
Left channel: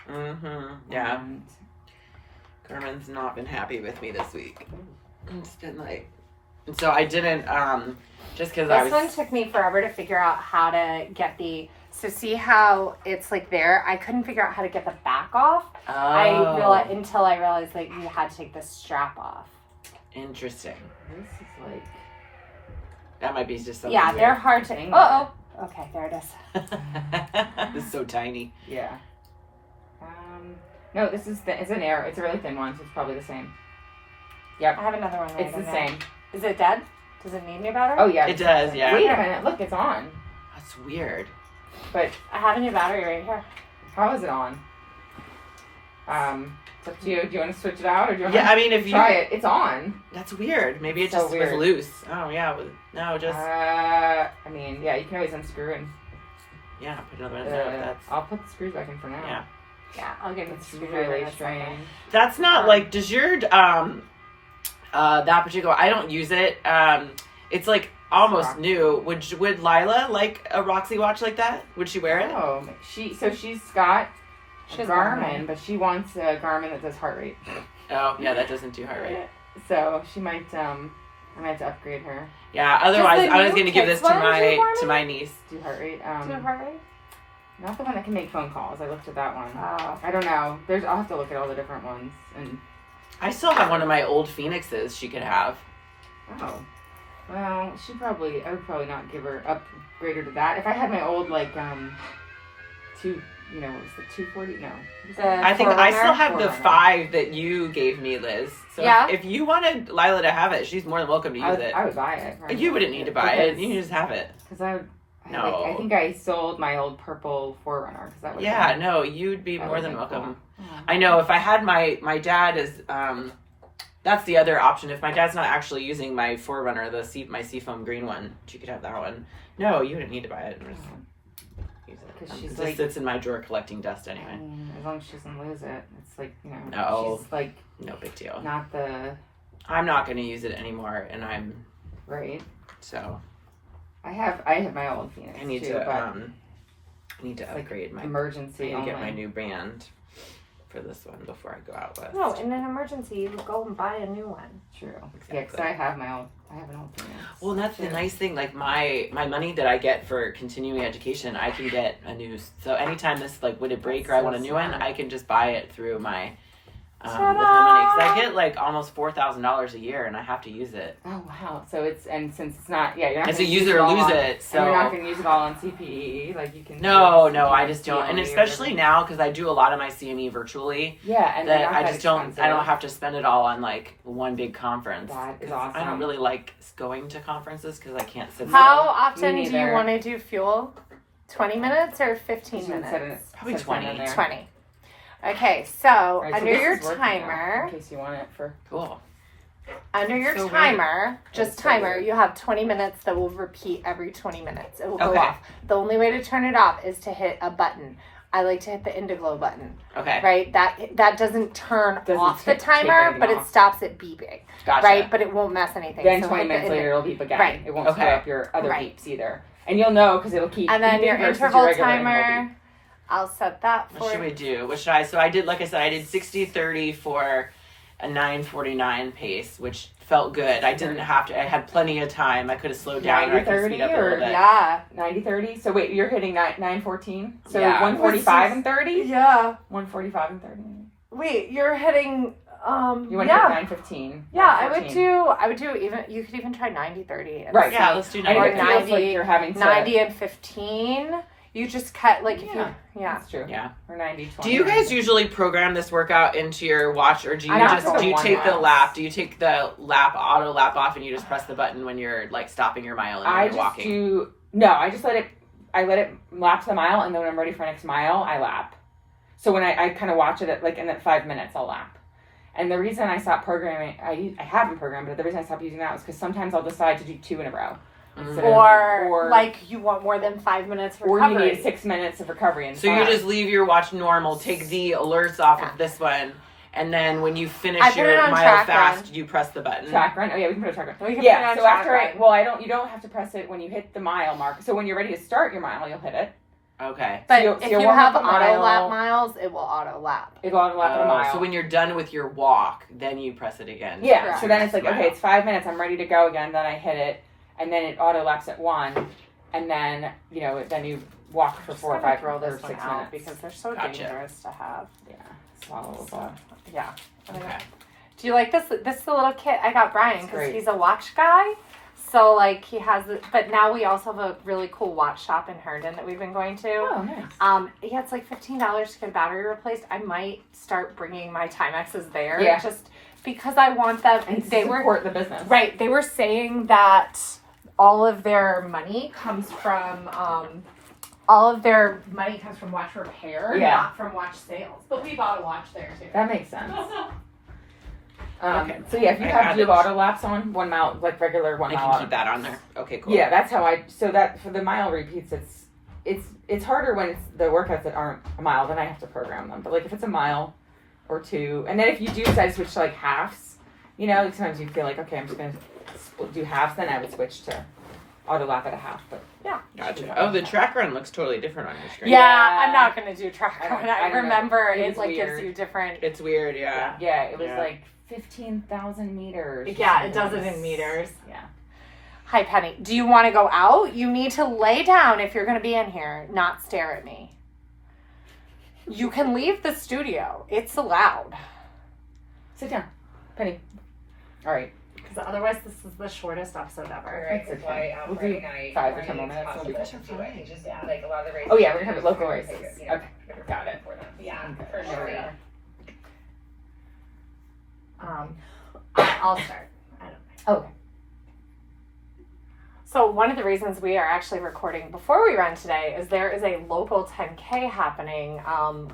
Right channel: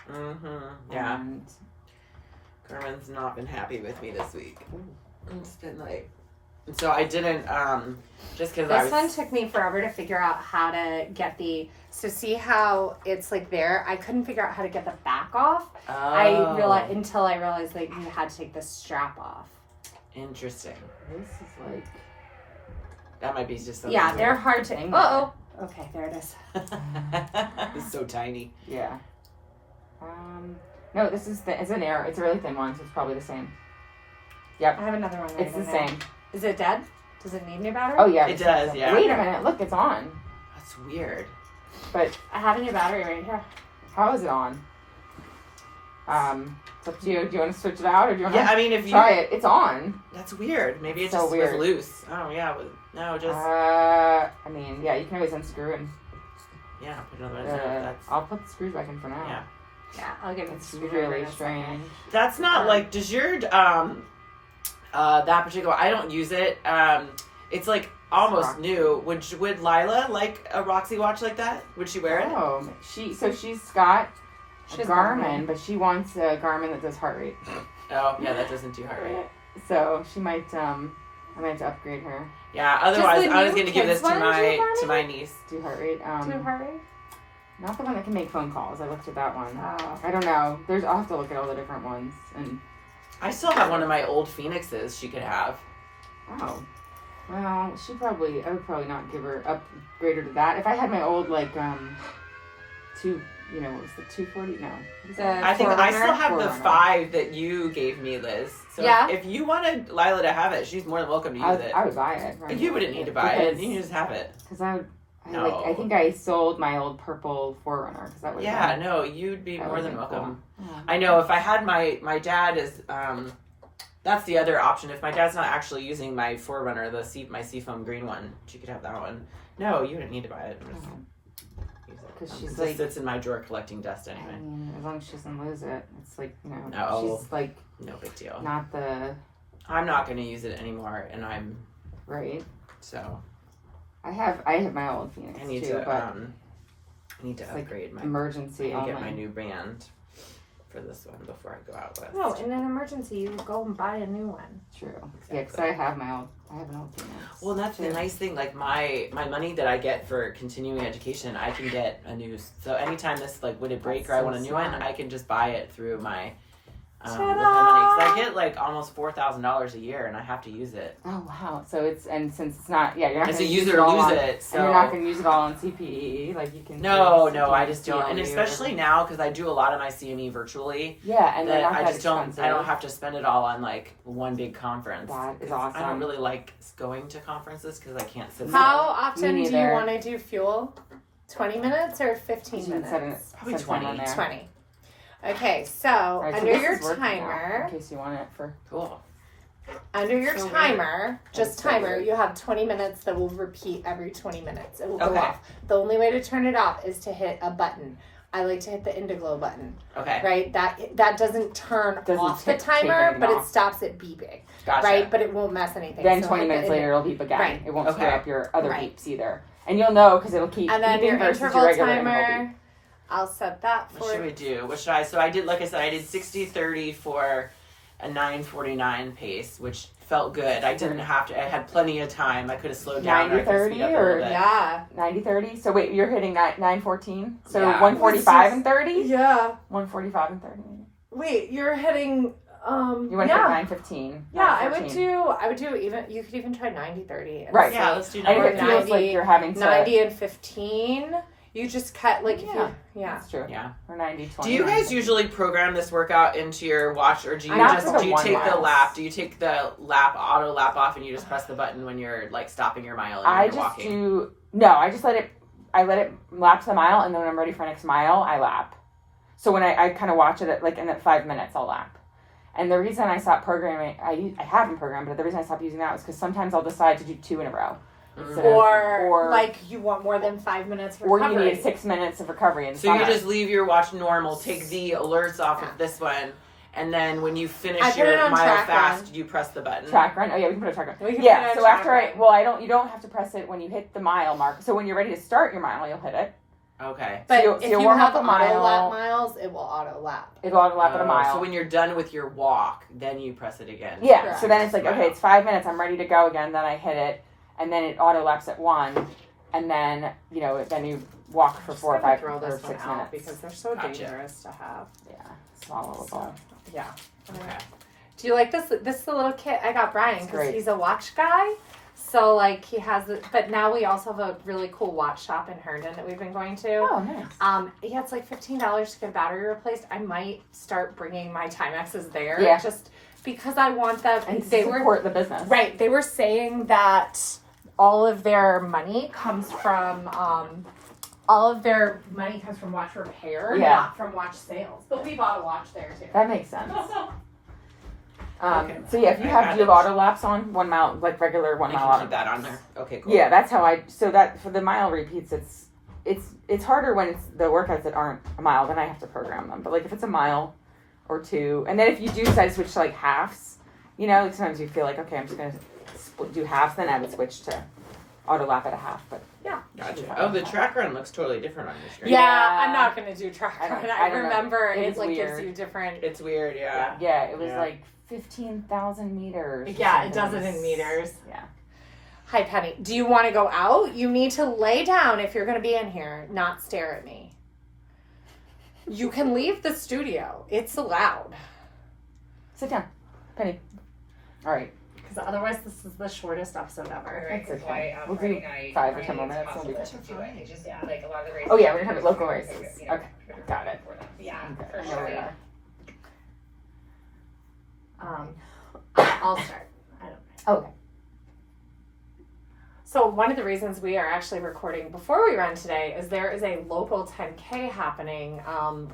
Mm-hmm. Yeah. And Garmin's not been happy with me this week. It's been like, and so I didn't just because I This was. one took me forever to figure out how to get so see how it's like there. I couldn't figure out how to get the back off. Oh, Until I realized that you had to take the strap off. Interesting. this is like That might be just something. Yeah, they're hard to. Dang. Okay, there it is. It's so tiny. yeah. No, this is it's an air. It's a really thin one, so it's probably the same. I have another one right It's in the there. same. Is it dead? Does it need new battery? Oh yeah, It it's the does, same. yeah. Wait a minute, look, it's on. That's weird. But I have a new battery right here. how is it on? It's up to you. Do you want to switch it out or do you want Yeah, to I mean, if you. try it? It's on. That's weird. Maybe it So just weird. was loose. Oh yeah. No, just I mean, yeah, you can always unscrew and yeah. Put another one. No, that's I'll put the screws back in for now. Yeah. Yeah, I'll give it It's to you. really strange. that's not like. Does your that particular? I don't use it. It's like almost Roxy. new. Would Lila like a Roxy watch like that? Would she wear it? Oh, she's got She a has Garmin, but she wants a Garmin that does heart rate. Oh yeah, that doesn't do heart rate. So she might I might have to upgrade her. Yeah. Otherwise, the I was new going to give this kids to one do my Garmin? my niece. Do heart rate. Do you heart rate? Not the one that can make phone calls. I looked at that one. Oh. I don't know. I'll have to look at all the different ones and I still have one of my old Phoenixes. She could have. oh. Well, I would probably not upgrade her to that. If I had my old like what was the 240? No. What was that? I think I still have the Forerunner. 5 that you gave me, Liz. So Yeah. if you wanted Lila to have it, she's more than welcome to use it. I would buy it. Right? You wouldn't need to buy it. You can just have it. Because I No. think I sold my old purple Forerunner because that would Yeah, no, you'd be that more would've than been welcome. cool. Oh. I know if I had my dad is that's the other option. If my dad's not actually using my Forerunner, my Seafoam green one, she could have that one. No, you didn't need to buy it. Just use it. because she's It like, just sits in my drawer collecting dust I anyway. mean, as long as she doesn't lose it, it's like, you know, No. she's like No big deal. not the I'm not going to use it anymore, and right. so I have my old Phoenix I need too, to but I need to it's like upgrade my. emergency I need to only. get my new band for this one before I go out west. No, in an emergency, you go and buy a new one. True. Yeah, because I have an old Phoenix. Well, that's the too. nice thing. Like my money that I get for continuing education, I can get a new. So anytime this like would it break That's or I so want a new smart. one, I can just buy it through my. With the Ta-da! money, 'cause I get like almost $4,000 a year, and I have to use it. Oh wow! So it's since it's not you're not It's going a to use it it or all lose on, it. So and you're not going to use it all on CPE. Like you can. no, you I can just don't. And CLE or especially whatever. now because I do a lot of my CME virtually. Yeah, and they're That not I that just don't. expensive. I don't have to spend it all on like one big conference. That is 'Cause I awesome. don't really like going to conferences because I can't sit. How still. often do you neither. want to do fuel? 20 minutes or 15 You should set minutes? it- Probably set a timer 20. there. 20. Okay, so All right, so under this your is working now, timer, in case you want it for. Cool. under your So timer, just That's so timer, weird. you have 20 minutes that will repeat every 20 minutes. It will go Okay. off. The only way to turn it off is to hit a button. I like to hit the Indiglo button, Okay. right? That doesn't turn Doesn't off the take timer, anything but it off. stops it beeping, Gotcha. right? But it won't mess anything. Then So 20 hit the minutes later, it'll beep again. Right. It won't screw Okay. up your other Right. beeps either, and you'll know because it'll keep. And then beeping your versus interval regular interval beep. timer, I'll set that What should for we do? What should I? So I did, like I said, I did 60-30 for a 9:49 pace, which felt good. I didn't have to. I had plenty of time. I could have slowed down. Or I could 90-30 speed up a or- little bit. yeah. 90-30. So wait, you're hitting 9:14. So Yeah. 1:45 and 30. Yeah. 1:45 and 30. Wait, you're hitting You went yeah. to 9:15. Yeah, I would 9:14. do even you could even try 90-30. Right. Yeah, let's do And if it 9:49. feels like you're having to. 90 and 15. You just cut like if Yeah. you That's true. Yeah. Or 90-20. Do you guys usually program this workout into your watch, or do you I don't just do the do you 1 take the miles. lap? Do you take the auto lap off, and you just press the button when you're like stopping your mile and I you're just walking? do. No, I just let it. I let it lap to the mile, and then when I'm ready for next mile, I lap. So when I kind of watch it at like in that 5 minutes, I'll lap. And the reason I stopped programming, I haven't programmed, but the reason I stopped using that was because sometimes I'll decide to do 2 in a row. instead of- or like you want more than 5 minutes or you recovery. need 6 minutes of recovery. And So you just leave your watch normal, take the alerts off Yeah. of this one, and then when you I finish put your it on mile track fast, run. you press the button. track run. Oh yeah, we can put a track run. We can put Yeah. it on So track after run. you don't have to press it when you hit the mile mark. So when you're ready to start your mile, you'll hit it. Okay. But you'll- if you'll you warm have up a auto mile. lap miles, it will auto lap. It'll auto lap at a mile. So when you're done with your walk, then you press it again. Yeah, Correct. so then it's like, Wow. okay, it's 5 minutes, I'm ready to go again, then I hit it, and then it auto laps at 1, and then, then you walk for 4 or 5 throw or this 6 one out minutes. because they're so Gotcha. dangerous to have. Yeah, swallowable. Yeah. Okay. Do you like this? This is the little kit I got Brian It's because great. he's a watch guy. So like he has it, but now we also have a really cool watch shop in Herndon that we've been going to. Oh, nice. Yeah, it's like $15 to get a battery replaced. I might start bringing my Timexes there, Yeah. just because I want them. And They were support the business. right. They were saying that all of their money comes from watch repair, Yeah. not from watch sales. But we bought a watch there too. That makes sense. Okay. So yeah, if you I have, got do you it. have auto laps on 1 mile, like regular 1 I mile? can keep that on there. Okay, cool. Yeah, that's how so that for the mile repeats, it's harder when it's the workouts that aren't a mile, then I have to program them. But like if it's a mile or 2, and then if you do decide to switch to like halves, sometimes you feel like, okay, I'm just gonna do halves, then I would switch to auto lap at a half. But Gotcha. Oh, the track run looks totally different on your screen. Yeah, I'm not gonna do track I don't- run. I I don't know. remember It it was like gives weird. you different. It's weird, yeah. yeah, it was Yeah. like 15,000 meters. or Yeah, it something. does it in meters. Yeah. Hi, Penny. Do you want to go out? You need to lay down if you're going to be in here, not stare at me. You can leave the studio. It's allowed. Sit down, Penny. All right. Because otherwise, this is the shortest episode ever. Right, That's that's okay. why We'll Friday do night, 5 or 10 Friday, more minutes, it's it'll be possible to do it. It's just like a lot of the races. Oh, yeah, we're gonna have you it local do races. pick it, Okay, got it. For them. Yeah, Okay. for sure. Yeah. I'll start. I don't Okay. So one of the reasons we are actually recording before we run today is there is a local 10K happening,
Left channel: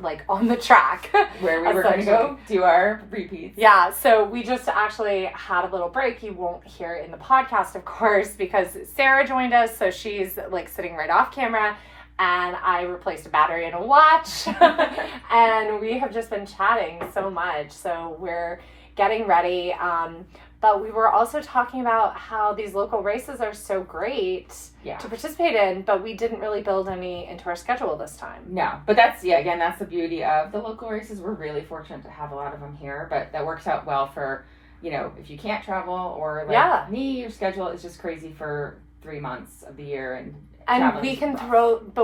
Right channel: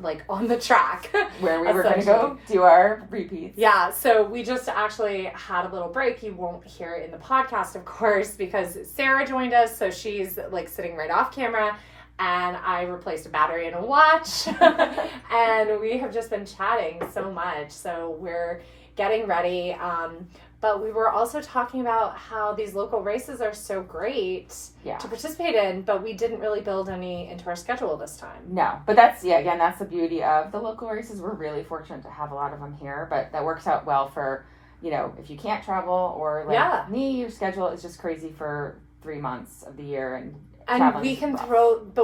like on the track. Where we were going to go do our repeats. Yeah, so we just actually had a little break. You won't hear it in the podcast, of course, because Sarah joined us, so she's like sitting right off camera. and I replaced a battery in a watch. And we have just been chatting so much. So we're getting ready. But we were also talking about how these local races are so great to participate in, but we didn't really build any into our schedule this time. No, but that's, again, that's the beauty of the local races. We're really fortunate to have a lot of them here, but that works out well for, if you can't travel or me, your schedule is just crazy for 3 months of the year. And we can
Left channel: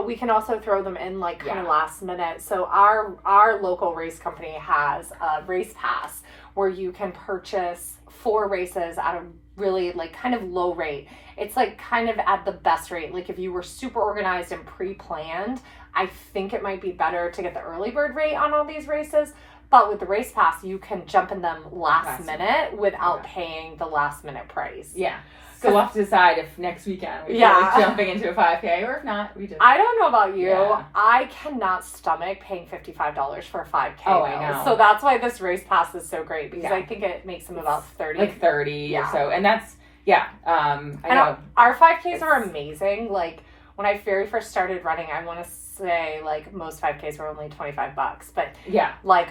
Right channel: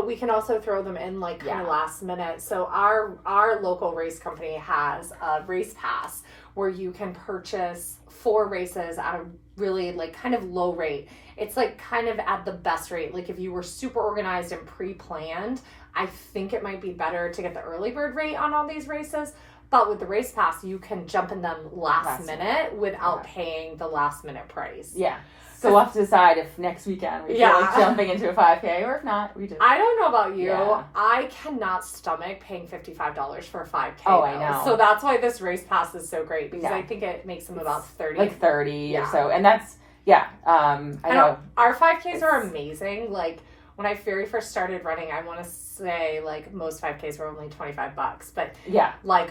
we can also throw them in kind of last minute. So our local race company has a race pass where you can purchase 4 races at a really kind of low rate. It's kind of at the best rate. If you were super organized and pre-planned, I think it might be better to get the early bird rate on all these races. But with the race pass, you can jump in them last minute without paying the last minute price. Yeah. So we'll have to decide if next weekend we are jumping into a 5K, or if not, we just... I don't know about you. Yeah. I cannot stomach paying $55 for a 5K. Oh, I know. So that's why this race pass is so great, because I think it makes them about 30. 30 or so. And that's, I know. Our 5Ks are amazing. When I very first started running, I want to say most 5Ks were only $25, but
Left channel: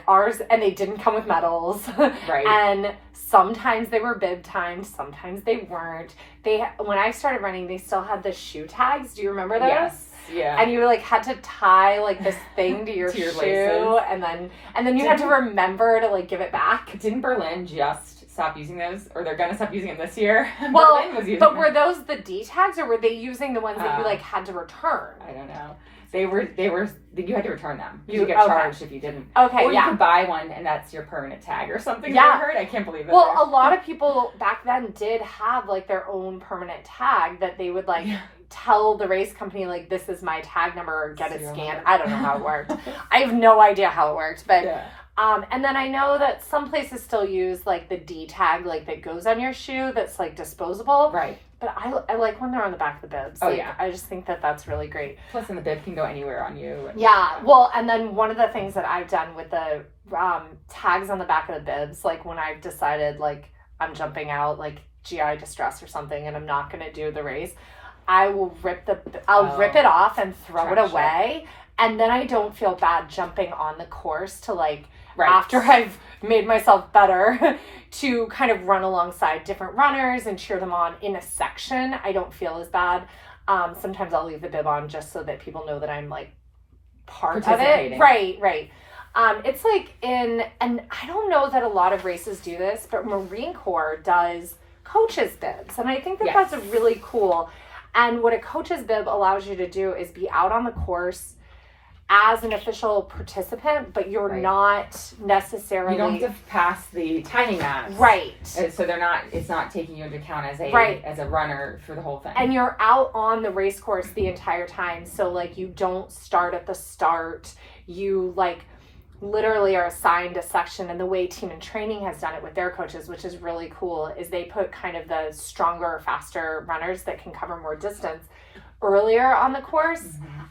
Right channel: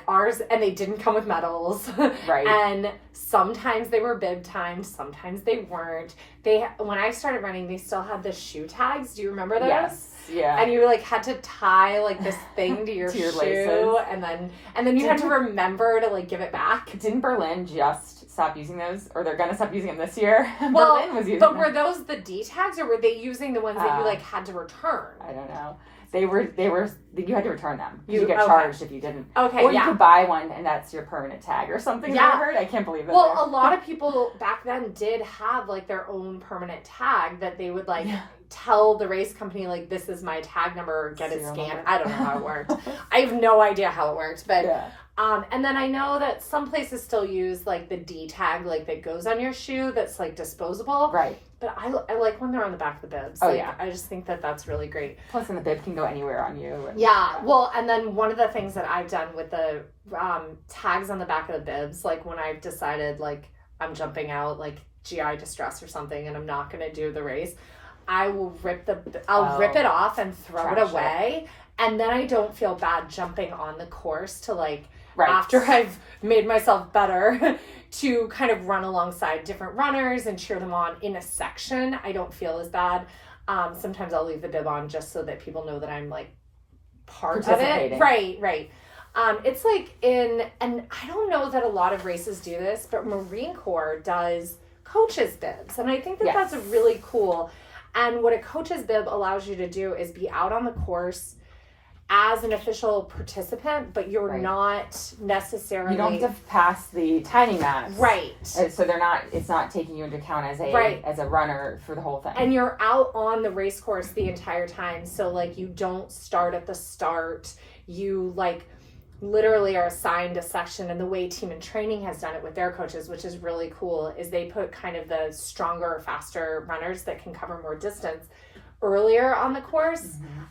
ours, and they didn't come with medals, right? And sometimes they were bib timed, sometimes they weren't. When I started running, they still had the shoe tags. Do you remember those? Yes. Yeah. And you had to tie this thing to your shoe, laces. and then you had to remember to give it back. Didn't Berlin just stop using those, or they're gonna stop using them this year? Well, Berlin was using but them. Were those the D tags, or were they using the ones that you had to return? I don't know. They were. You had to return them. You get charged if you didn't. Okay, or you could buy one, and that's your permanent tag or something. Yeah, I heard. I can't believe that. Well, a lot of people back then did have their own permanent tag that they would tell the race company this is my tag number, get it scanned. I don't know how it worked. I have no idea how it worked, but and then I know that some places still use the D tag that goes on your shoe that's disposable. Right. But I like when they're on the back of the bibs. I just think that that's really great. Plus, then the bib can go anywhere on you. Well, and then one of the things that I've done with the tags on the back of the bibs, when I've decided I'm jumping out GI distress or something and I'm not going to do the race, I will rip it off and throw it away. And then I don't feel bad jumping on the course to after I've made myself better to kind of run alongside different runners and cheer them on in a section. I don't feel as bad. Sometimes I'll leave the bib on just so that people know that I'm part of it. Right. It's and I don't know that a lot of races do this, but Marine Corps does coach's bibs. And I think that that's really cool. And what a coach's bib allows you to do is be out on the course as an official participant, but you're not necessarily... You don't have to pass the timing maps. Right. So it's not taking you into account as a runner for the whole thing. And you're out on the race course the entire time. So you don't start at the start. You literally are assigned a section, and the way Team in Training has done it with their coaches, which is really cool, is they put kind of the stronger, faster runners that can cover more distance earlier on the course. Mm-hmm.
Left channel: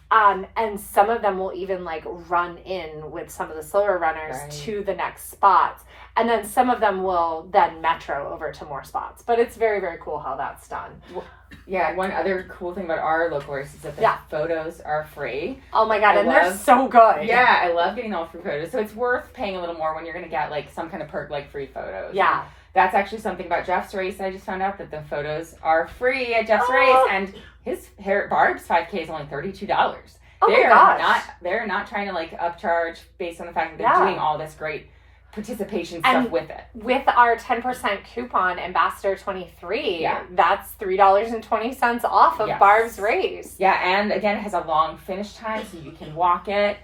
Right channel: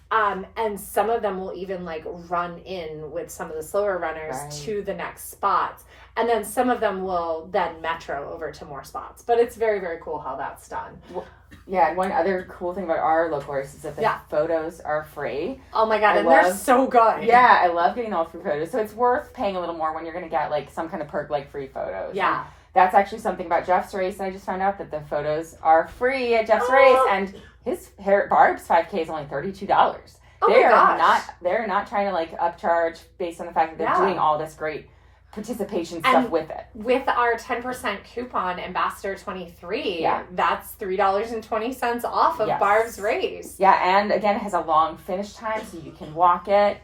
And some of them will even run in with some of the slower runners to the next spots. And then some of them will then metro over to more spots. But it's very, very cool how that's done. Yeah, and one other cool thing about our local race is that the photos are free. Oh my God, they're so good. Yeah, I love getting all free photos. So it's worth paying a little more when you're going to get some kind of perk free photos. Yeah. And that's actually something about Jeff's race. I just found out that the photos are free at Jeff's race, and Barb's 5K is only $32. Oh my gosh. They're not trying to upcharge based on the fact that they're doing all this great participation stuff with it. With our 10% coupon, Ambassador 23, that's $3.20 off of Barb's race. Yeah, and again, it has a long finish time, so you can walk it.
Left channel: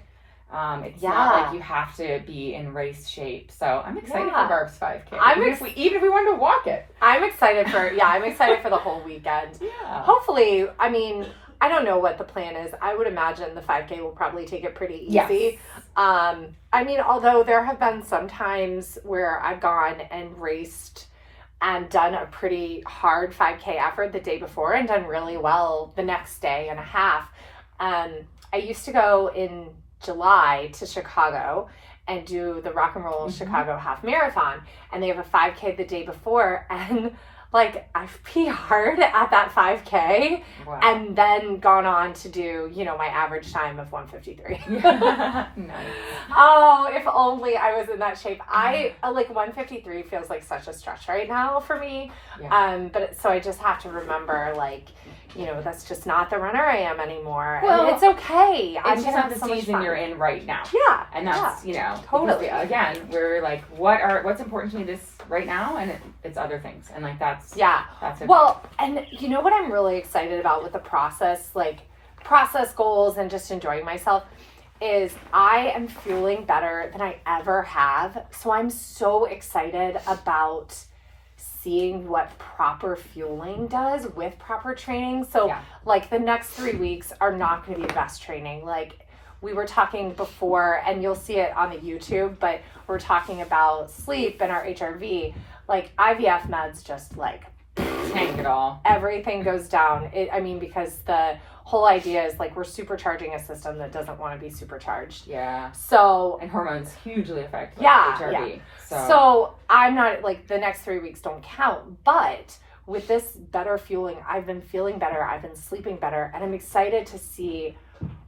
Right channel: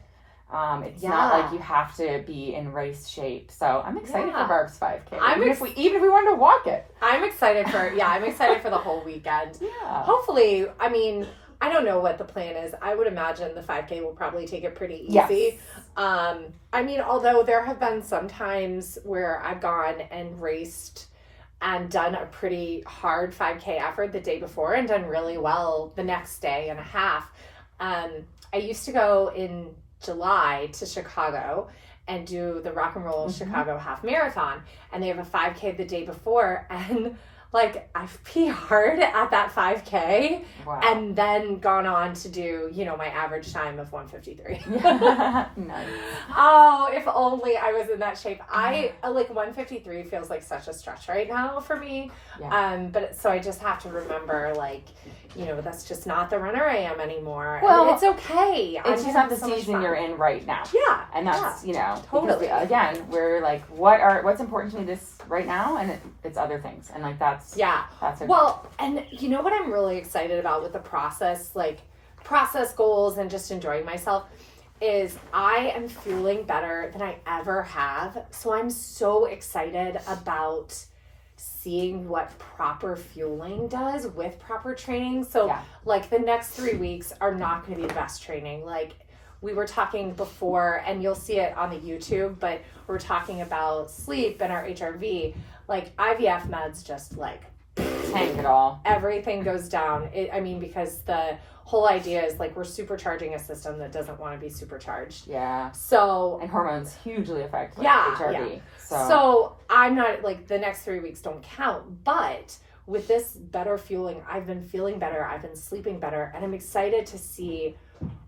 It's not you have to be in race shape. So I'm excited for Barb's 5K. Even if we wanted to walk it. I'm excited for the whole weekend. Yeah. Hopefully, I don't know what the plan is. I would imagine the 5K will probably take it pretty easy. Yes. Although there have been some times where I've gone and raced and done a pretty hard 5K effort the day before and done really well the next day and a half. I used to go in July to Chicago and do the Rock and Roll Chicago Half Marathon, and they have a 5K the day before, and like I've PR'd at that 5K Wow. and then gone on to do, my average time of 1:53. Nice. Oh, if only I was in that shape. I like 1:53 feels like such a stretch right now for me. Yeah. But so I just have to remember, like, that's just not the runner I am anymore. Well, and it's okay. It's just not the season you're in right now. Yeah. And that's, totally. because, again, we're like, what's important to me this right now? And it's other things. And like, that's okay. Well, and you know what I'm really excited about with the process, like process goals and just enjoying myself, is I am feeling better than I ever have. So I'm so excited about seeing what proper fueling does with proper training. So like the next 3 weeks are not going to be the best training. Like we were talking before, and you'll see it on the YouTube, but we're talking about sleep and our HRV. Like IVF meds just like tank it all. Everything goes down. Because the whole idea is like we're supercharging a system that doesn't want to be supercharged. Yeah. So and hormones hugely affect Yeah. HRV. So I'm not like the next 3 weeks don't count, but with this better fueling, I've been feeling better. I've been sleeping better, and I'm excited to see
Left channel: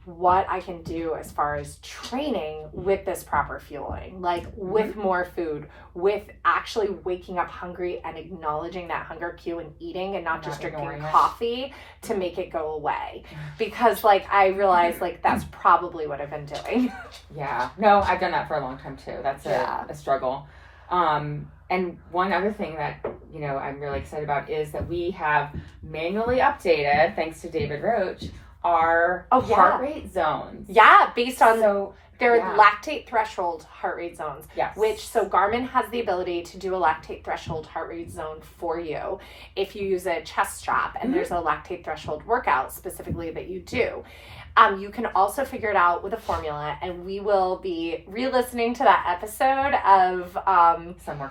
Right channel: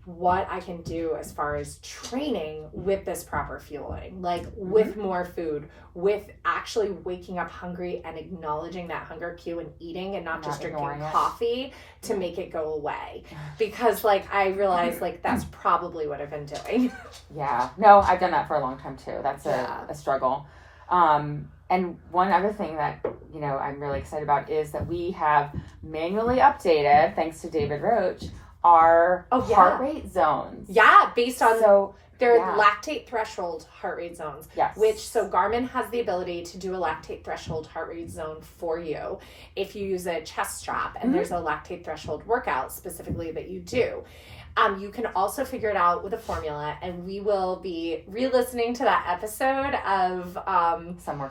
what I can do as far as training with this proper fueling, like with more food, with actually waking up hungry and acknowledging that hunger cue and eating, and not just drinking coffee to make it go away. Because like I realized like that's probably what I've been doing. Yeah. No, I've done that for a long time too. That's a struggle. And one other thing that, I'm really excited about is that we have manually updated, thanks to David Roach, our heart rate zones. Yeah, based on their Yeah. lactate threshold heart rate zones. Yes. So Garmin has the ability to do a lactate threshold heart rate zone for you if you use a chest strap, and there's a lactate threshold workout specifically that you do. You can also figure it out with a formula, and we will be re-listening to that episode of Somewhere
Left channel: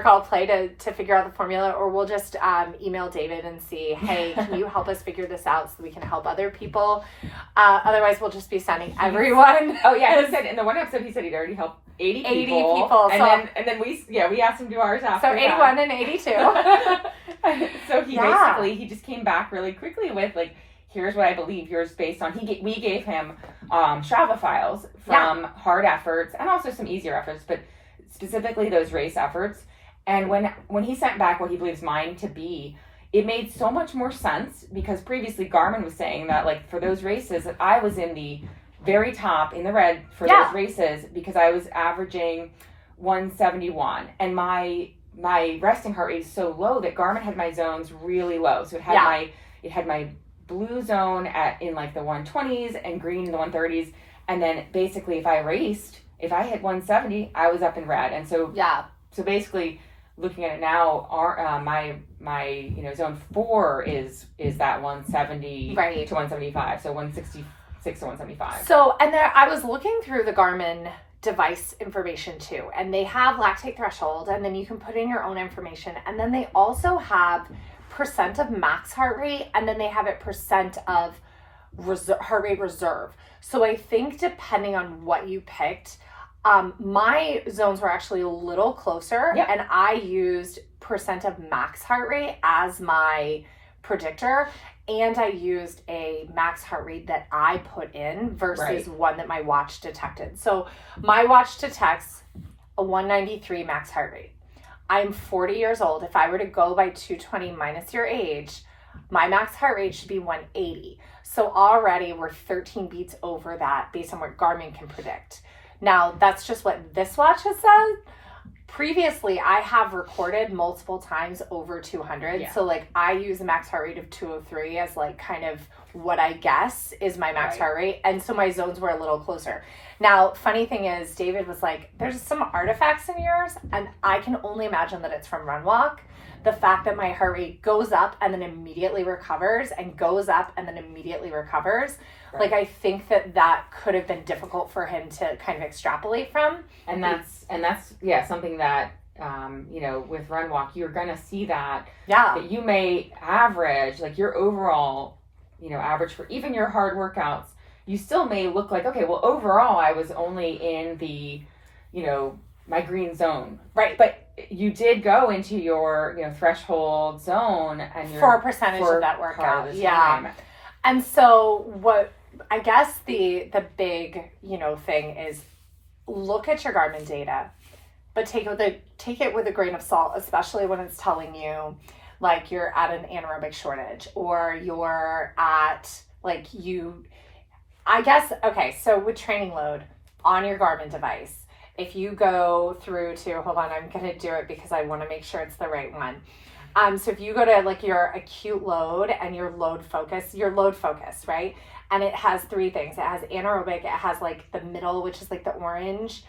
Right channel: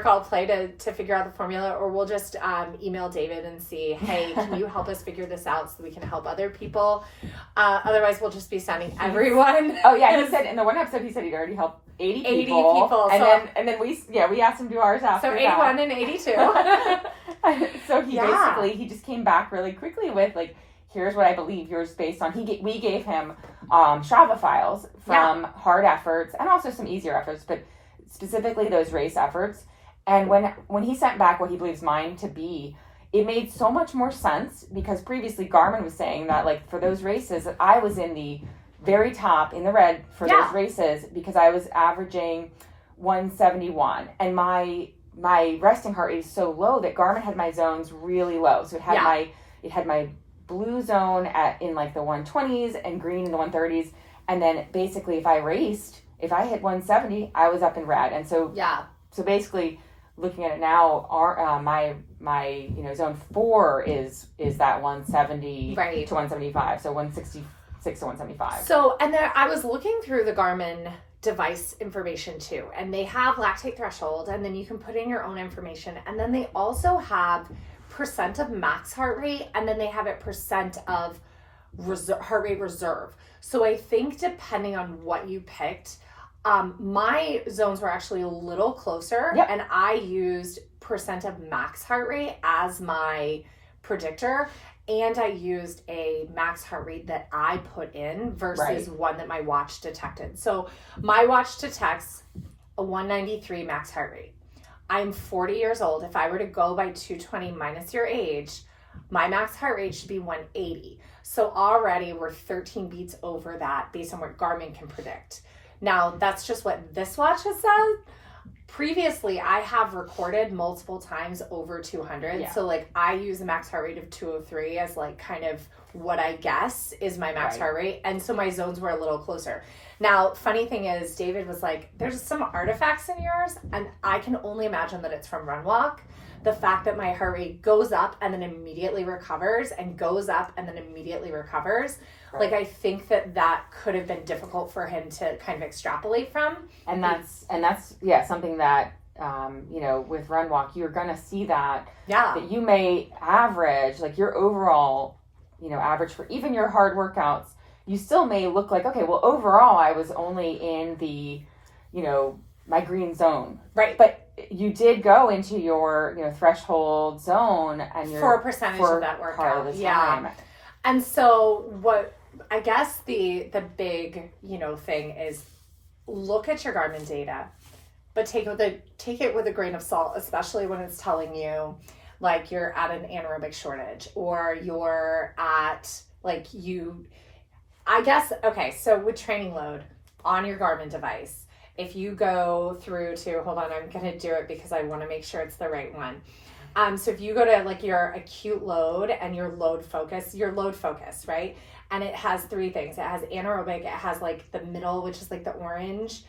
Called Play to figure out the formula, or we'll just email David and see, hey, can you help us figure this out so we can help other people? Otherwise, we'll just be sending everyone. Oh yeah, he said in the one episode he'd already helped 80 people, and then we asked him to do ours after. So 81 and 82. So he just came back really quickly with like, here's what I believe yours based on. We gave him Strava files from hard efforts and also some easier efforts, but specifically those race efforts. And when he sent back what he believes mine to be, it made so much more sense, because previously Garmin was saying that like for those races, I was in the very top in the red for those races because I was averaging 171, and my resting heart rate is so low that Garmin had my zones really low. So it had my blue zone in like the 120s and green in the 130s, and then basically if I hit 170, I was up in red. And so basically looking at it now, my zone 4 is that 170 to 175, so 166 to 175. So and there I was looking through the Garmin device information too, and they have lactate threshold, and then you can put in your own information, and then they also have percent of max heart rate, and then they have it percent of heart rate reserve. So I think depending on what you picked, my zones were actually a little closer, and I used percent of max heart rate as my predictor, and I used a max heart rate that I put in versus one that my watch detected. So my watch detects a 193 max heart rate. I'm 40 years old. If I were to go by 220 minus your age, my max heart rate should be 180. So already we're 13 beats over that based on what Garmin can predict. Now, that's just what this watch has said. Previously, I have recorded multiple times over 200. Yeah. So like I use a max heart rate of 203 as like kind of what I guess is my max heart rate. And so my zones were a little closer. Now, funny thing is, David was like, there's some artifacts in yours, and I can only imagine that it's from Run Walk. The fact that my heart rate goes up and then immediately recovers, and goes up and then immediately recovers. Like, I think that could have been difficult for him to kind of extrapolate from. And that's something that, with Run Walk, you're going to see that. Yeah. That you may average, like your overall, average for even your hard workouts, you still may look like, okay, well, overall, I was only in the, my green zone. Right. But you did go into your, threshold zone and you're for a percentage of that workout. Yeah. And so what I guess the big, thing is look at your Garmin data, but take it with a grain of salt, especially when it's telling you like you're at an anaerobic shortage or you're at so with training load on your Garmin device, if you go through to, hold on, I'm going to do it because I want to make sure it's the right one. So if you go to like your acute load and your load focus, right? And it has 3 things. It has anaerobic, it has like the middle, which is like the orange,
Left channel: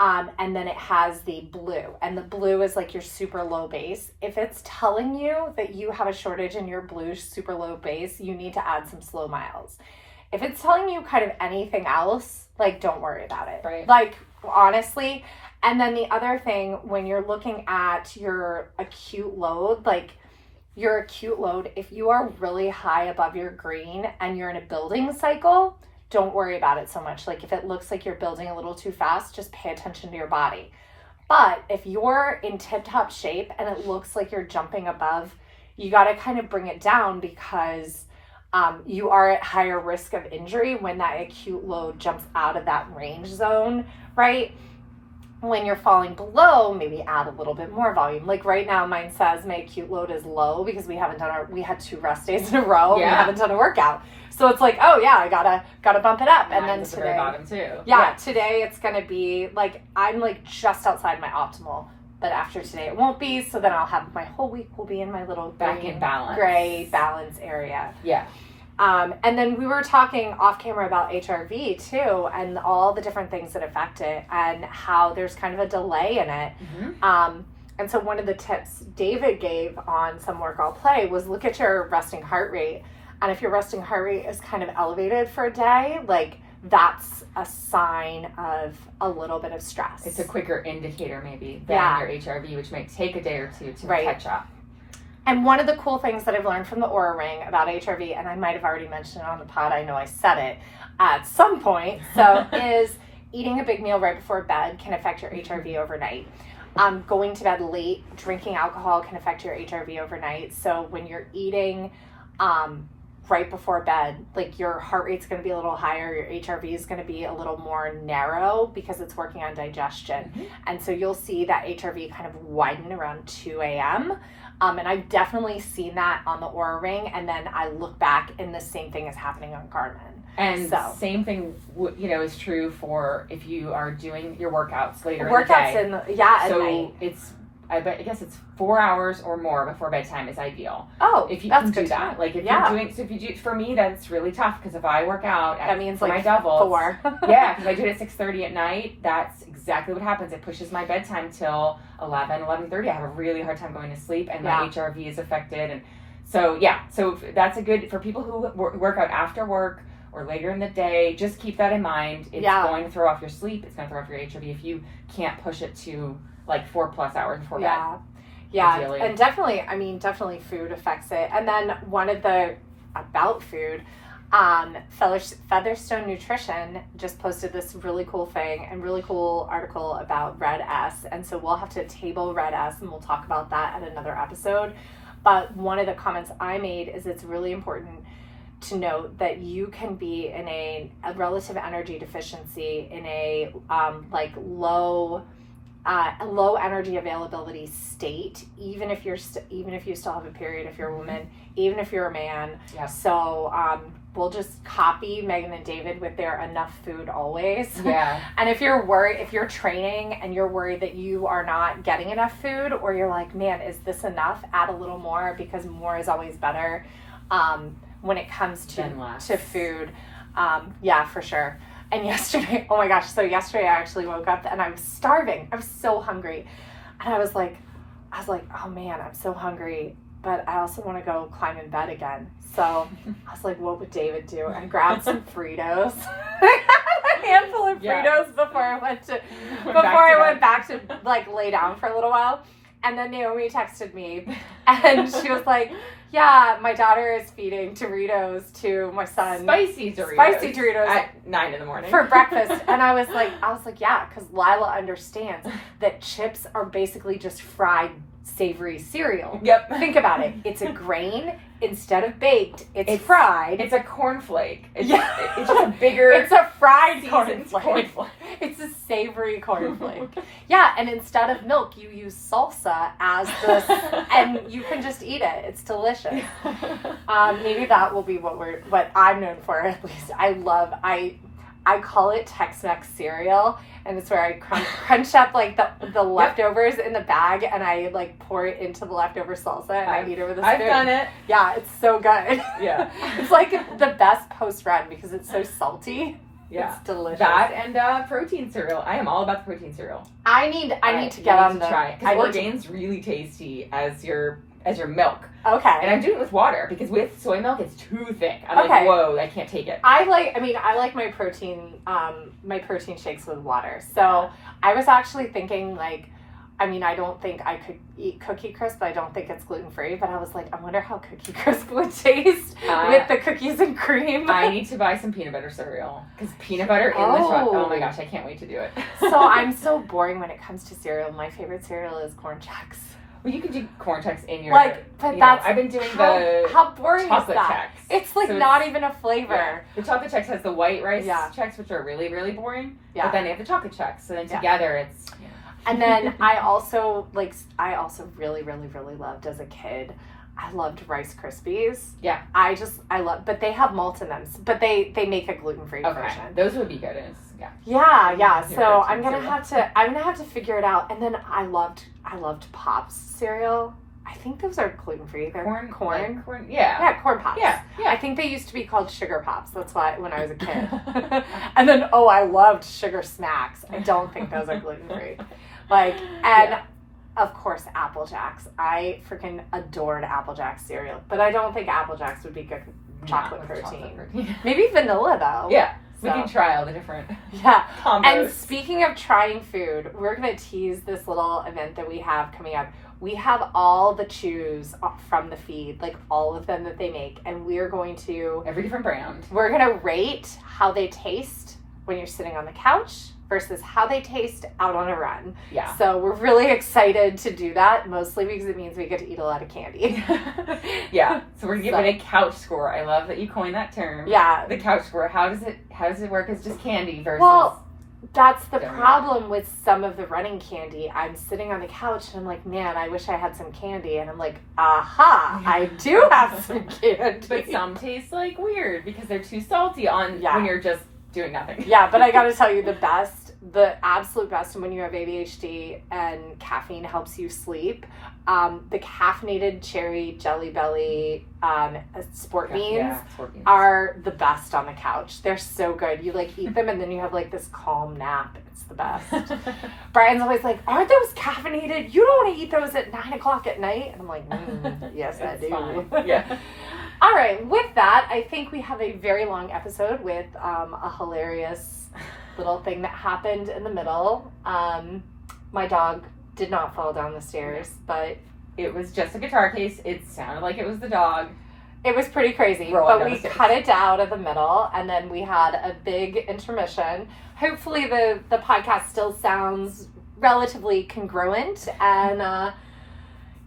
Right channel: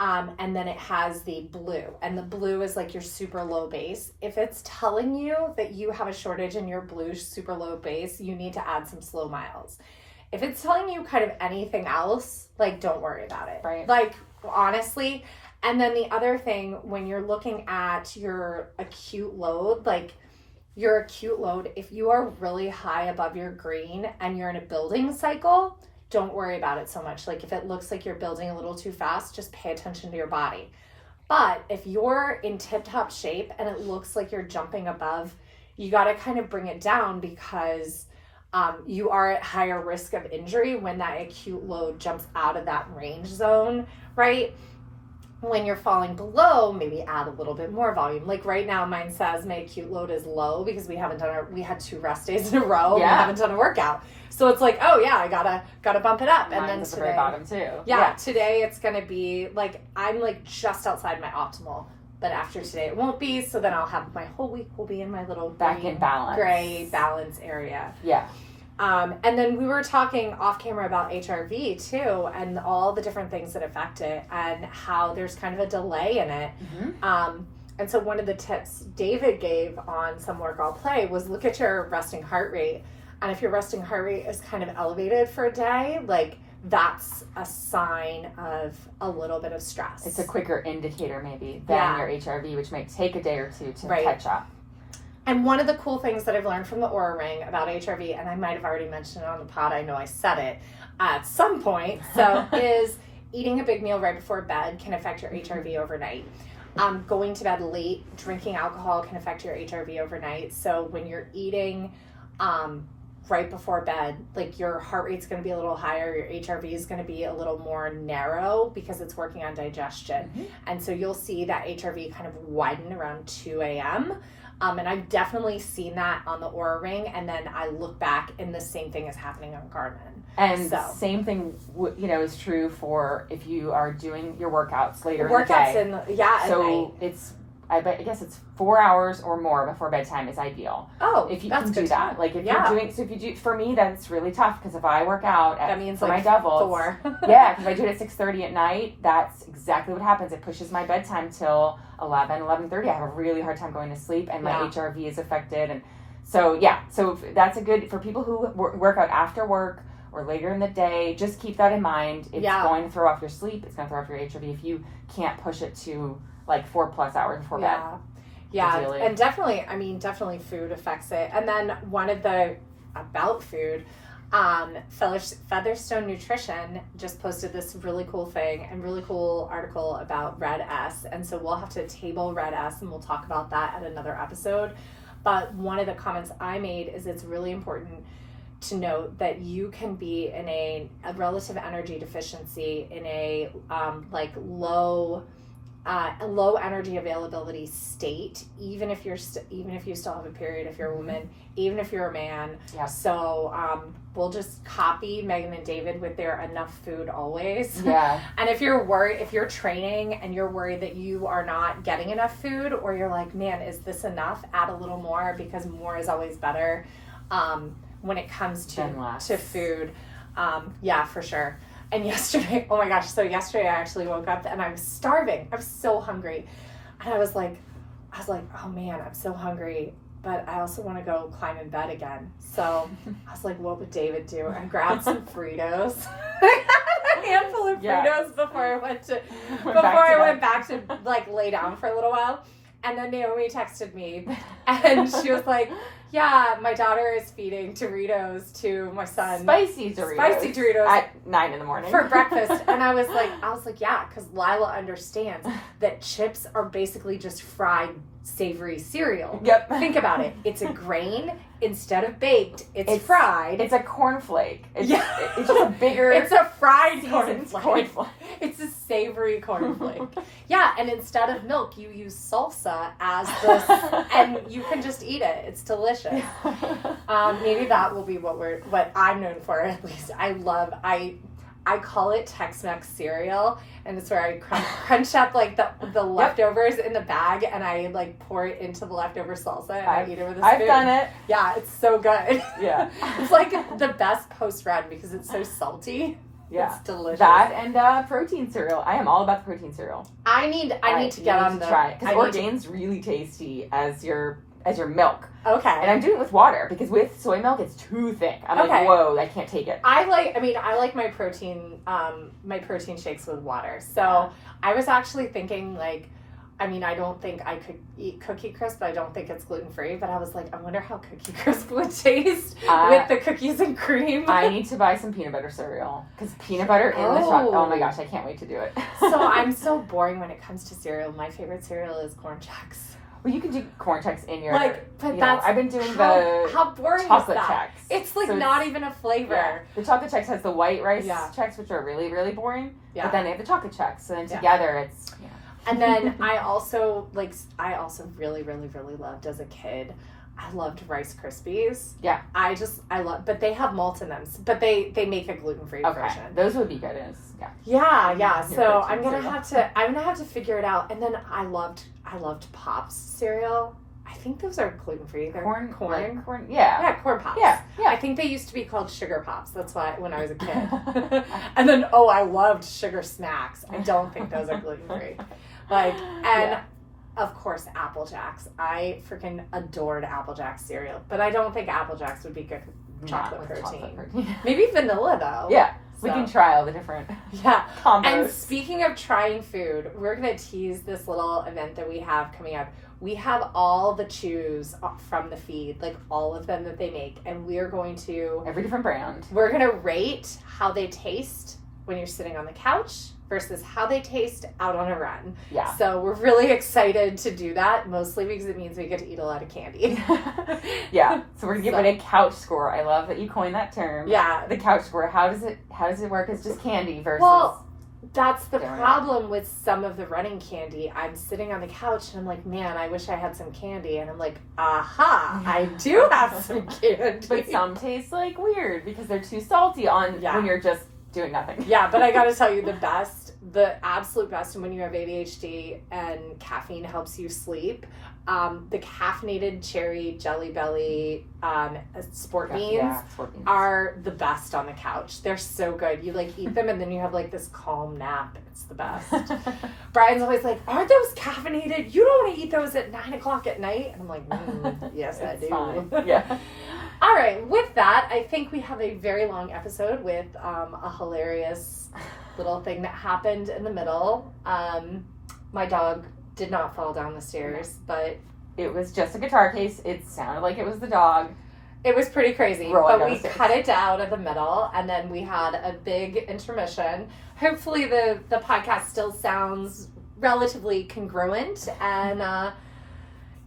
and then it has the blue. And the blue is like your super low base. If it's telling you that you have a shortage in your blue super low base, you need to add some slow miles. If it's telling you kind of anything else, like don't worry about it. Right. Like honestly. And then the other thing, when you're looking at your acute load, if you are really high above your green and you're in a building cycle, don't worry about it so much. Like if it looks like you're building a little too fast, just pay attention to your body. But if you're in tip-top shape and it looks like you're jumping above, you got to kind of bring it down because you are at higher risk of injury when that acute load jumps out of that range zone, right? When you're falling below, maybe add a little bit more volume. Like right now, mine says my acute load is low because we had 2 rest days in a row. Yeah. We haven't done a workout. So it's like, oh yeah, I gotta bump it up. Mine's and then at today, the very bottom too. Yeah, today it's gonna be like, I'm like just outside my optimal. But after today it won't be. So then I'll have my whole week will be in my little back in balance. Gray balance area. Yeah. And then we were talking off camera about HRV too, and all the different things that affect it and how there's kind of a delay in it. Mm-hmm. And so one of the tips David gave on Some Work I'll Play was look at your resting heart rate. And if your resting heart rate is kind of elevated for a day, like that's a sign of a little bit of stress. It's a quicker indicator maybe than your HRV, which may take a day or 2 to catch up. And one of the cool things that I've learned from the Oura Ring about HRV, and I might have already mentioned it on the pod, I know I said it at some point, so is eating a big meal right before bed can affect your HRV overnight. Going to bed late, drinking alcohol can affect your HRV overnight. So when you're eating right before bed, like your heart rate's going to be a little higher, your HRV is going to be a little more narrow because it's working on digestion. Mm-hmm. And so you'll see that HRV kind of widen around 2 a.m., and I've definitely seen that on the Oura Ring, and then I look back and the same thing is happening on Garmin. And same thing, is true for if you are doing your workouts later in the day. So I guess it's 4 hours or more before bedtime is ideal. Oh, if you that's can good do that. Like if you're doing, so if you do, for me that's really tough because if I work out that means for like my doubles, 4. Yeah, because I do it at 6:30 at night. That's exactly what happens. It pushes my bedtime till 11:30. I have a really hard time going to sleep, and my HRV is affected. And so so that's a good for people who work out after work or later in the day. Just keep that in mind. It's going to throw off your sleep. It's going to throw off your HRV if you can't push it to like 4+ hours before bed. Yeah, ideally. And definitely food affects it. And then one of the, about food, Featherstone Nutrition just posted this really cool thing and really cool article about Red S. And so we'll have to table Red S and we'll talk about that at another episode. But one of the comments I made is it's really important to note that you can be in a relative energy deficiency in a low energy availability state, even if you still have a period, if you're a woman, even if you're a man. Yeah. So we'll just copy Megan and David with their enough food always. Yeah. And if you're worried, if you're training and you're worried that you are not getting enough food, or you're like, man, is this enough? Add a little more, because more is always better when it comes to food. Yeah, for sure. And yesterday, oh my gosh, so yesterday I actually woke up and I was starving. I was so hungry. And I was like, oh man, I'm so hungry, but I also want to go climb in bed again. So I was like, what would David do? I grabbed some Fritos. A handful of Fritos before I went back to like lay down for a little while. And then Naomi texted me, and she was like, yeah, my daughter is feeding Doritos to my son. Spicy Doritos. At 9 a.m. For breakfast. And I was like, yeah, because Lila understands that chips are basically just fried savory cereal. Yep. Think about it. It's a grain. Instead of baked, it's fried. It's a cornflake. It's just a bigger... It's a fried seasoned cornflake. It's a savory cornflake. Yeah, and instead of milk, you use salsa as the... and you can just eat it. It's delicious. Maybe that will be what I'm known for, at least. I call it Tex-Mex cereal, and it's where I crunch up like the leftovers in the bag, and I like pour it into the leftover salsa, and I eat it with a spoon. I've done it. Yeah, it's so good. Yeah. It's like the best post-run because it's so salty. Yeah. It's delicious. That and protein cereal. I am all about the protein cereal. I need to get on the... try it. Because Orgain's really tasty as your milk. Okay. And I'm doing it with water because with soy milk it's too thick. I'm like, whoa, I can't take it. I like my protein shakes with water. So I was actually thinking I don't think I could eat Cookie Crisp. I don't think it's gluten-free, but I was like, I wonder how Cookie Crisp would taste with the cookies and cream. I need to buy some peanut butter cereal because peanut butter in the truck. Oh my gosh, I can't wait to do it. So I'm so boring when it comes to cereal. My favorite cereal is Corn Chex. Well, you can do Corn Chex in your... I've been doing how boring chocolate is that? Chex. It's like not even a flavor. Yeah. The chocolate Chex has the white rice Chex, which are really, really boring. Yeah. But then they have the chocolate Chex. So then together it's... You know. And then I also really, really, really loved as a kid, I loved Rice Krispies. Yeah. But they have malt in them. But they make a gluten-free version. Those would be good Yeah. So I'm gonna have to figure it out. And then I loved Pops cereal. I think those are gluten-free. They're corn. Yeah, Corn Pops. Yeah. I think they used to be called Sugar Pops. That's why when I was a kid. And then I loved Sugar Smacks. I don't think those are gluten-free. Of course, Apple Jacks. I freaking adored Apple Jacks cereal, but I don't think Apple Jacks would be good with chocolate protein. Maybe vanilla though. Yeah. So. We can try all the different combos. And speaking of trying food, we're going to tease this little event that we have coming up. We have all the chews from the feed, like all of them that they make, and we're going to... Every different brand. We're going to rate how they taste when you're sitting on the couch versus how they taste out on a run. Yeah. So we're really excited to do that, mostly because it means we get to eat a lot of candy. Yeah. So we're giving a couch score. I love that you coined that term. Yeah. The couch score. How does it work as just candy versus... Well, that's the problem with some of the running candy. I'm sitting on the couch and I'm like, man, I wish I had some candy. And I'm like, aha, I do have some candy. But some taste like weird because they're too salty when you're just doing nothing. Yeah, but I gotta tell you, the absolute best, and when you have ADHD and caffeine helps you sleep, the caffeinated cherry Jelly Belly sport beans are the best on the couch. They're so good. You eat them and then you have this calm nap. It's the best. Brian's always like, aren't those caffeinated? You don't want to eat those at 9:00 at night? And I'm like, yes, I do. Fine. Yeah. All right, with that, I think we have a very long episode with a hilarious little thing that happened in the middle. My dog did not fall down the stairs, but... It was just a guitar case. It sounded like it was the dog. It was pretty crazy, but we cut it down at the middle, and then we had a big intermission. Hopefully the podcast still sounds relatively congruent, and...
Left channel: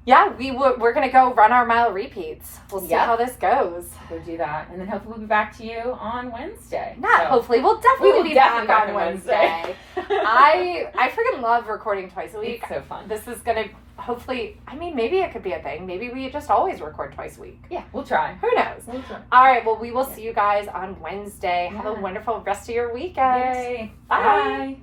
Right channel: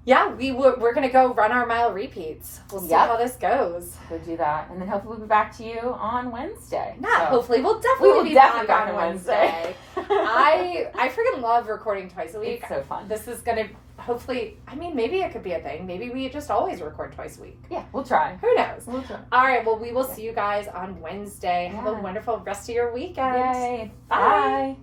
we're going to go run our mile repeats. We'll see how this goes. We'll do that. And then hopefully we'll be back to you on Wednesday. Hopefully. We'll definitely be back on Wednesday. I freaking love recording twice a week. It's so fun. This is going to hopefully, maybe it could be a thing. Maybe we just always record twice a week. Yeah, we'll try. Who knows? We'll try. All right. Well, we will see you guys on Wednesday. Have a wonderful rest of your weekend. Yay. Bye.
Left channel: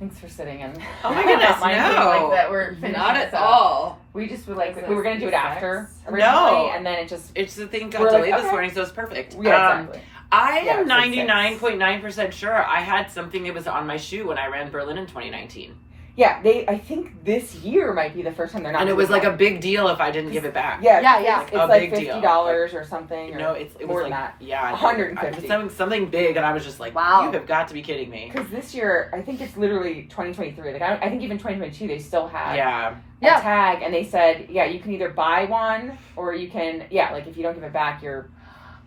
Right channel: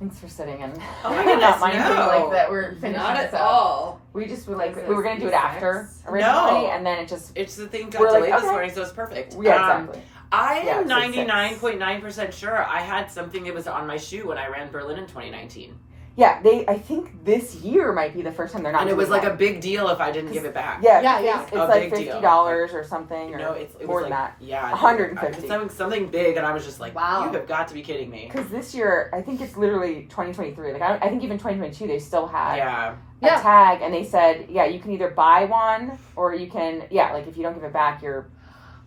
Thanks for sitting and not minding that we're finishing not this at up. all. We just we were gonna do it after originally, and then it's the thing got delayed this morning, so it's perfect. Yeah, exactly. I am 99.9% sure I had something that was on my shoe when I ran Berlin in 2019. Yeah, I think this year might be the first time they're not. And it was doing like that. a big deal if I didn't give it back. Yeah, Yeah. It's A like big deal. $50 or something. Or No, it more was than like that. yeah, $150. Something big, and I was just like, Wow. you have got to be kidding me. Because this year, I think it's literally 2023. Like I think even 2022, they still had Yeah, a tag, and they said, yeah, you can either buy one or you can, like if you don't give it back, you're.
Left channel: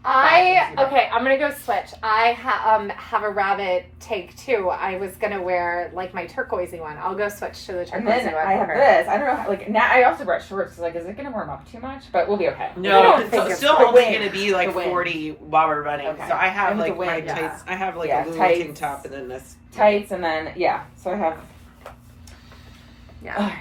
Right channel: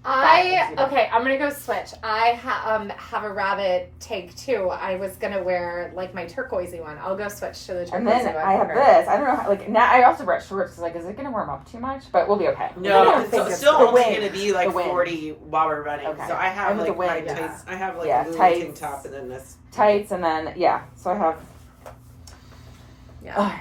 I'm gonna go switch. I have a rabbit take too. I was gonna wear like my turquoisey one. I'll go switch to the turquoisey And then one. I have this. I don't know how, like now I also brought shorts. Like, is it gonna warm up too much? But we'll be okay. no, don't think it's it's still the only wind. going to be like The wind. 40 while we're running. Okay. So I have I like have the my wind, tights. I have like Yeah, a little tights. tank top, and then this. Tights, and then so I have. Yeah.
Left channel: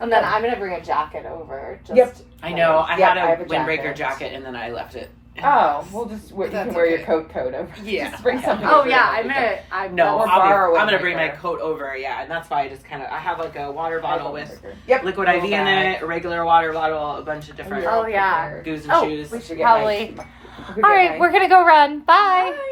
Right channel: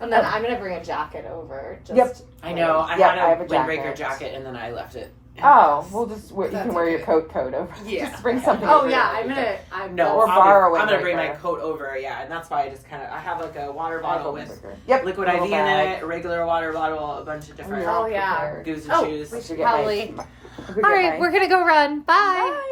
And then I'm gonna bring a jacket over. Just Yep. I know. I Yeah, had I have a a windbreaker jacket. jacket, and then I left it. Oh, we'll just you That's can wear your okay. coat over. Yeah. Just bring something. Oh over yeah, it. No, Or I'm borrow a gonna bring my windbreaker. coat over. Yeah, and that's why I just kind of I have like a water I have a bottle with windbreaker. Yep. liquid little IV in bag. it, a regular water bottle, a bunch of different Oh, yeah. prepared. do's and Oh, shoes. we should get probably. my- All right, we're gonna go run. Bye. Bye.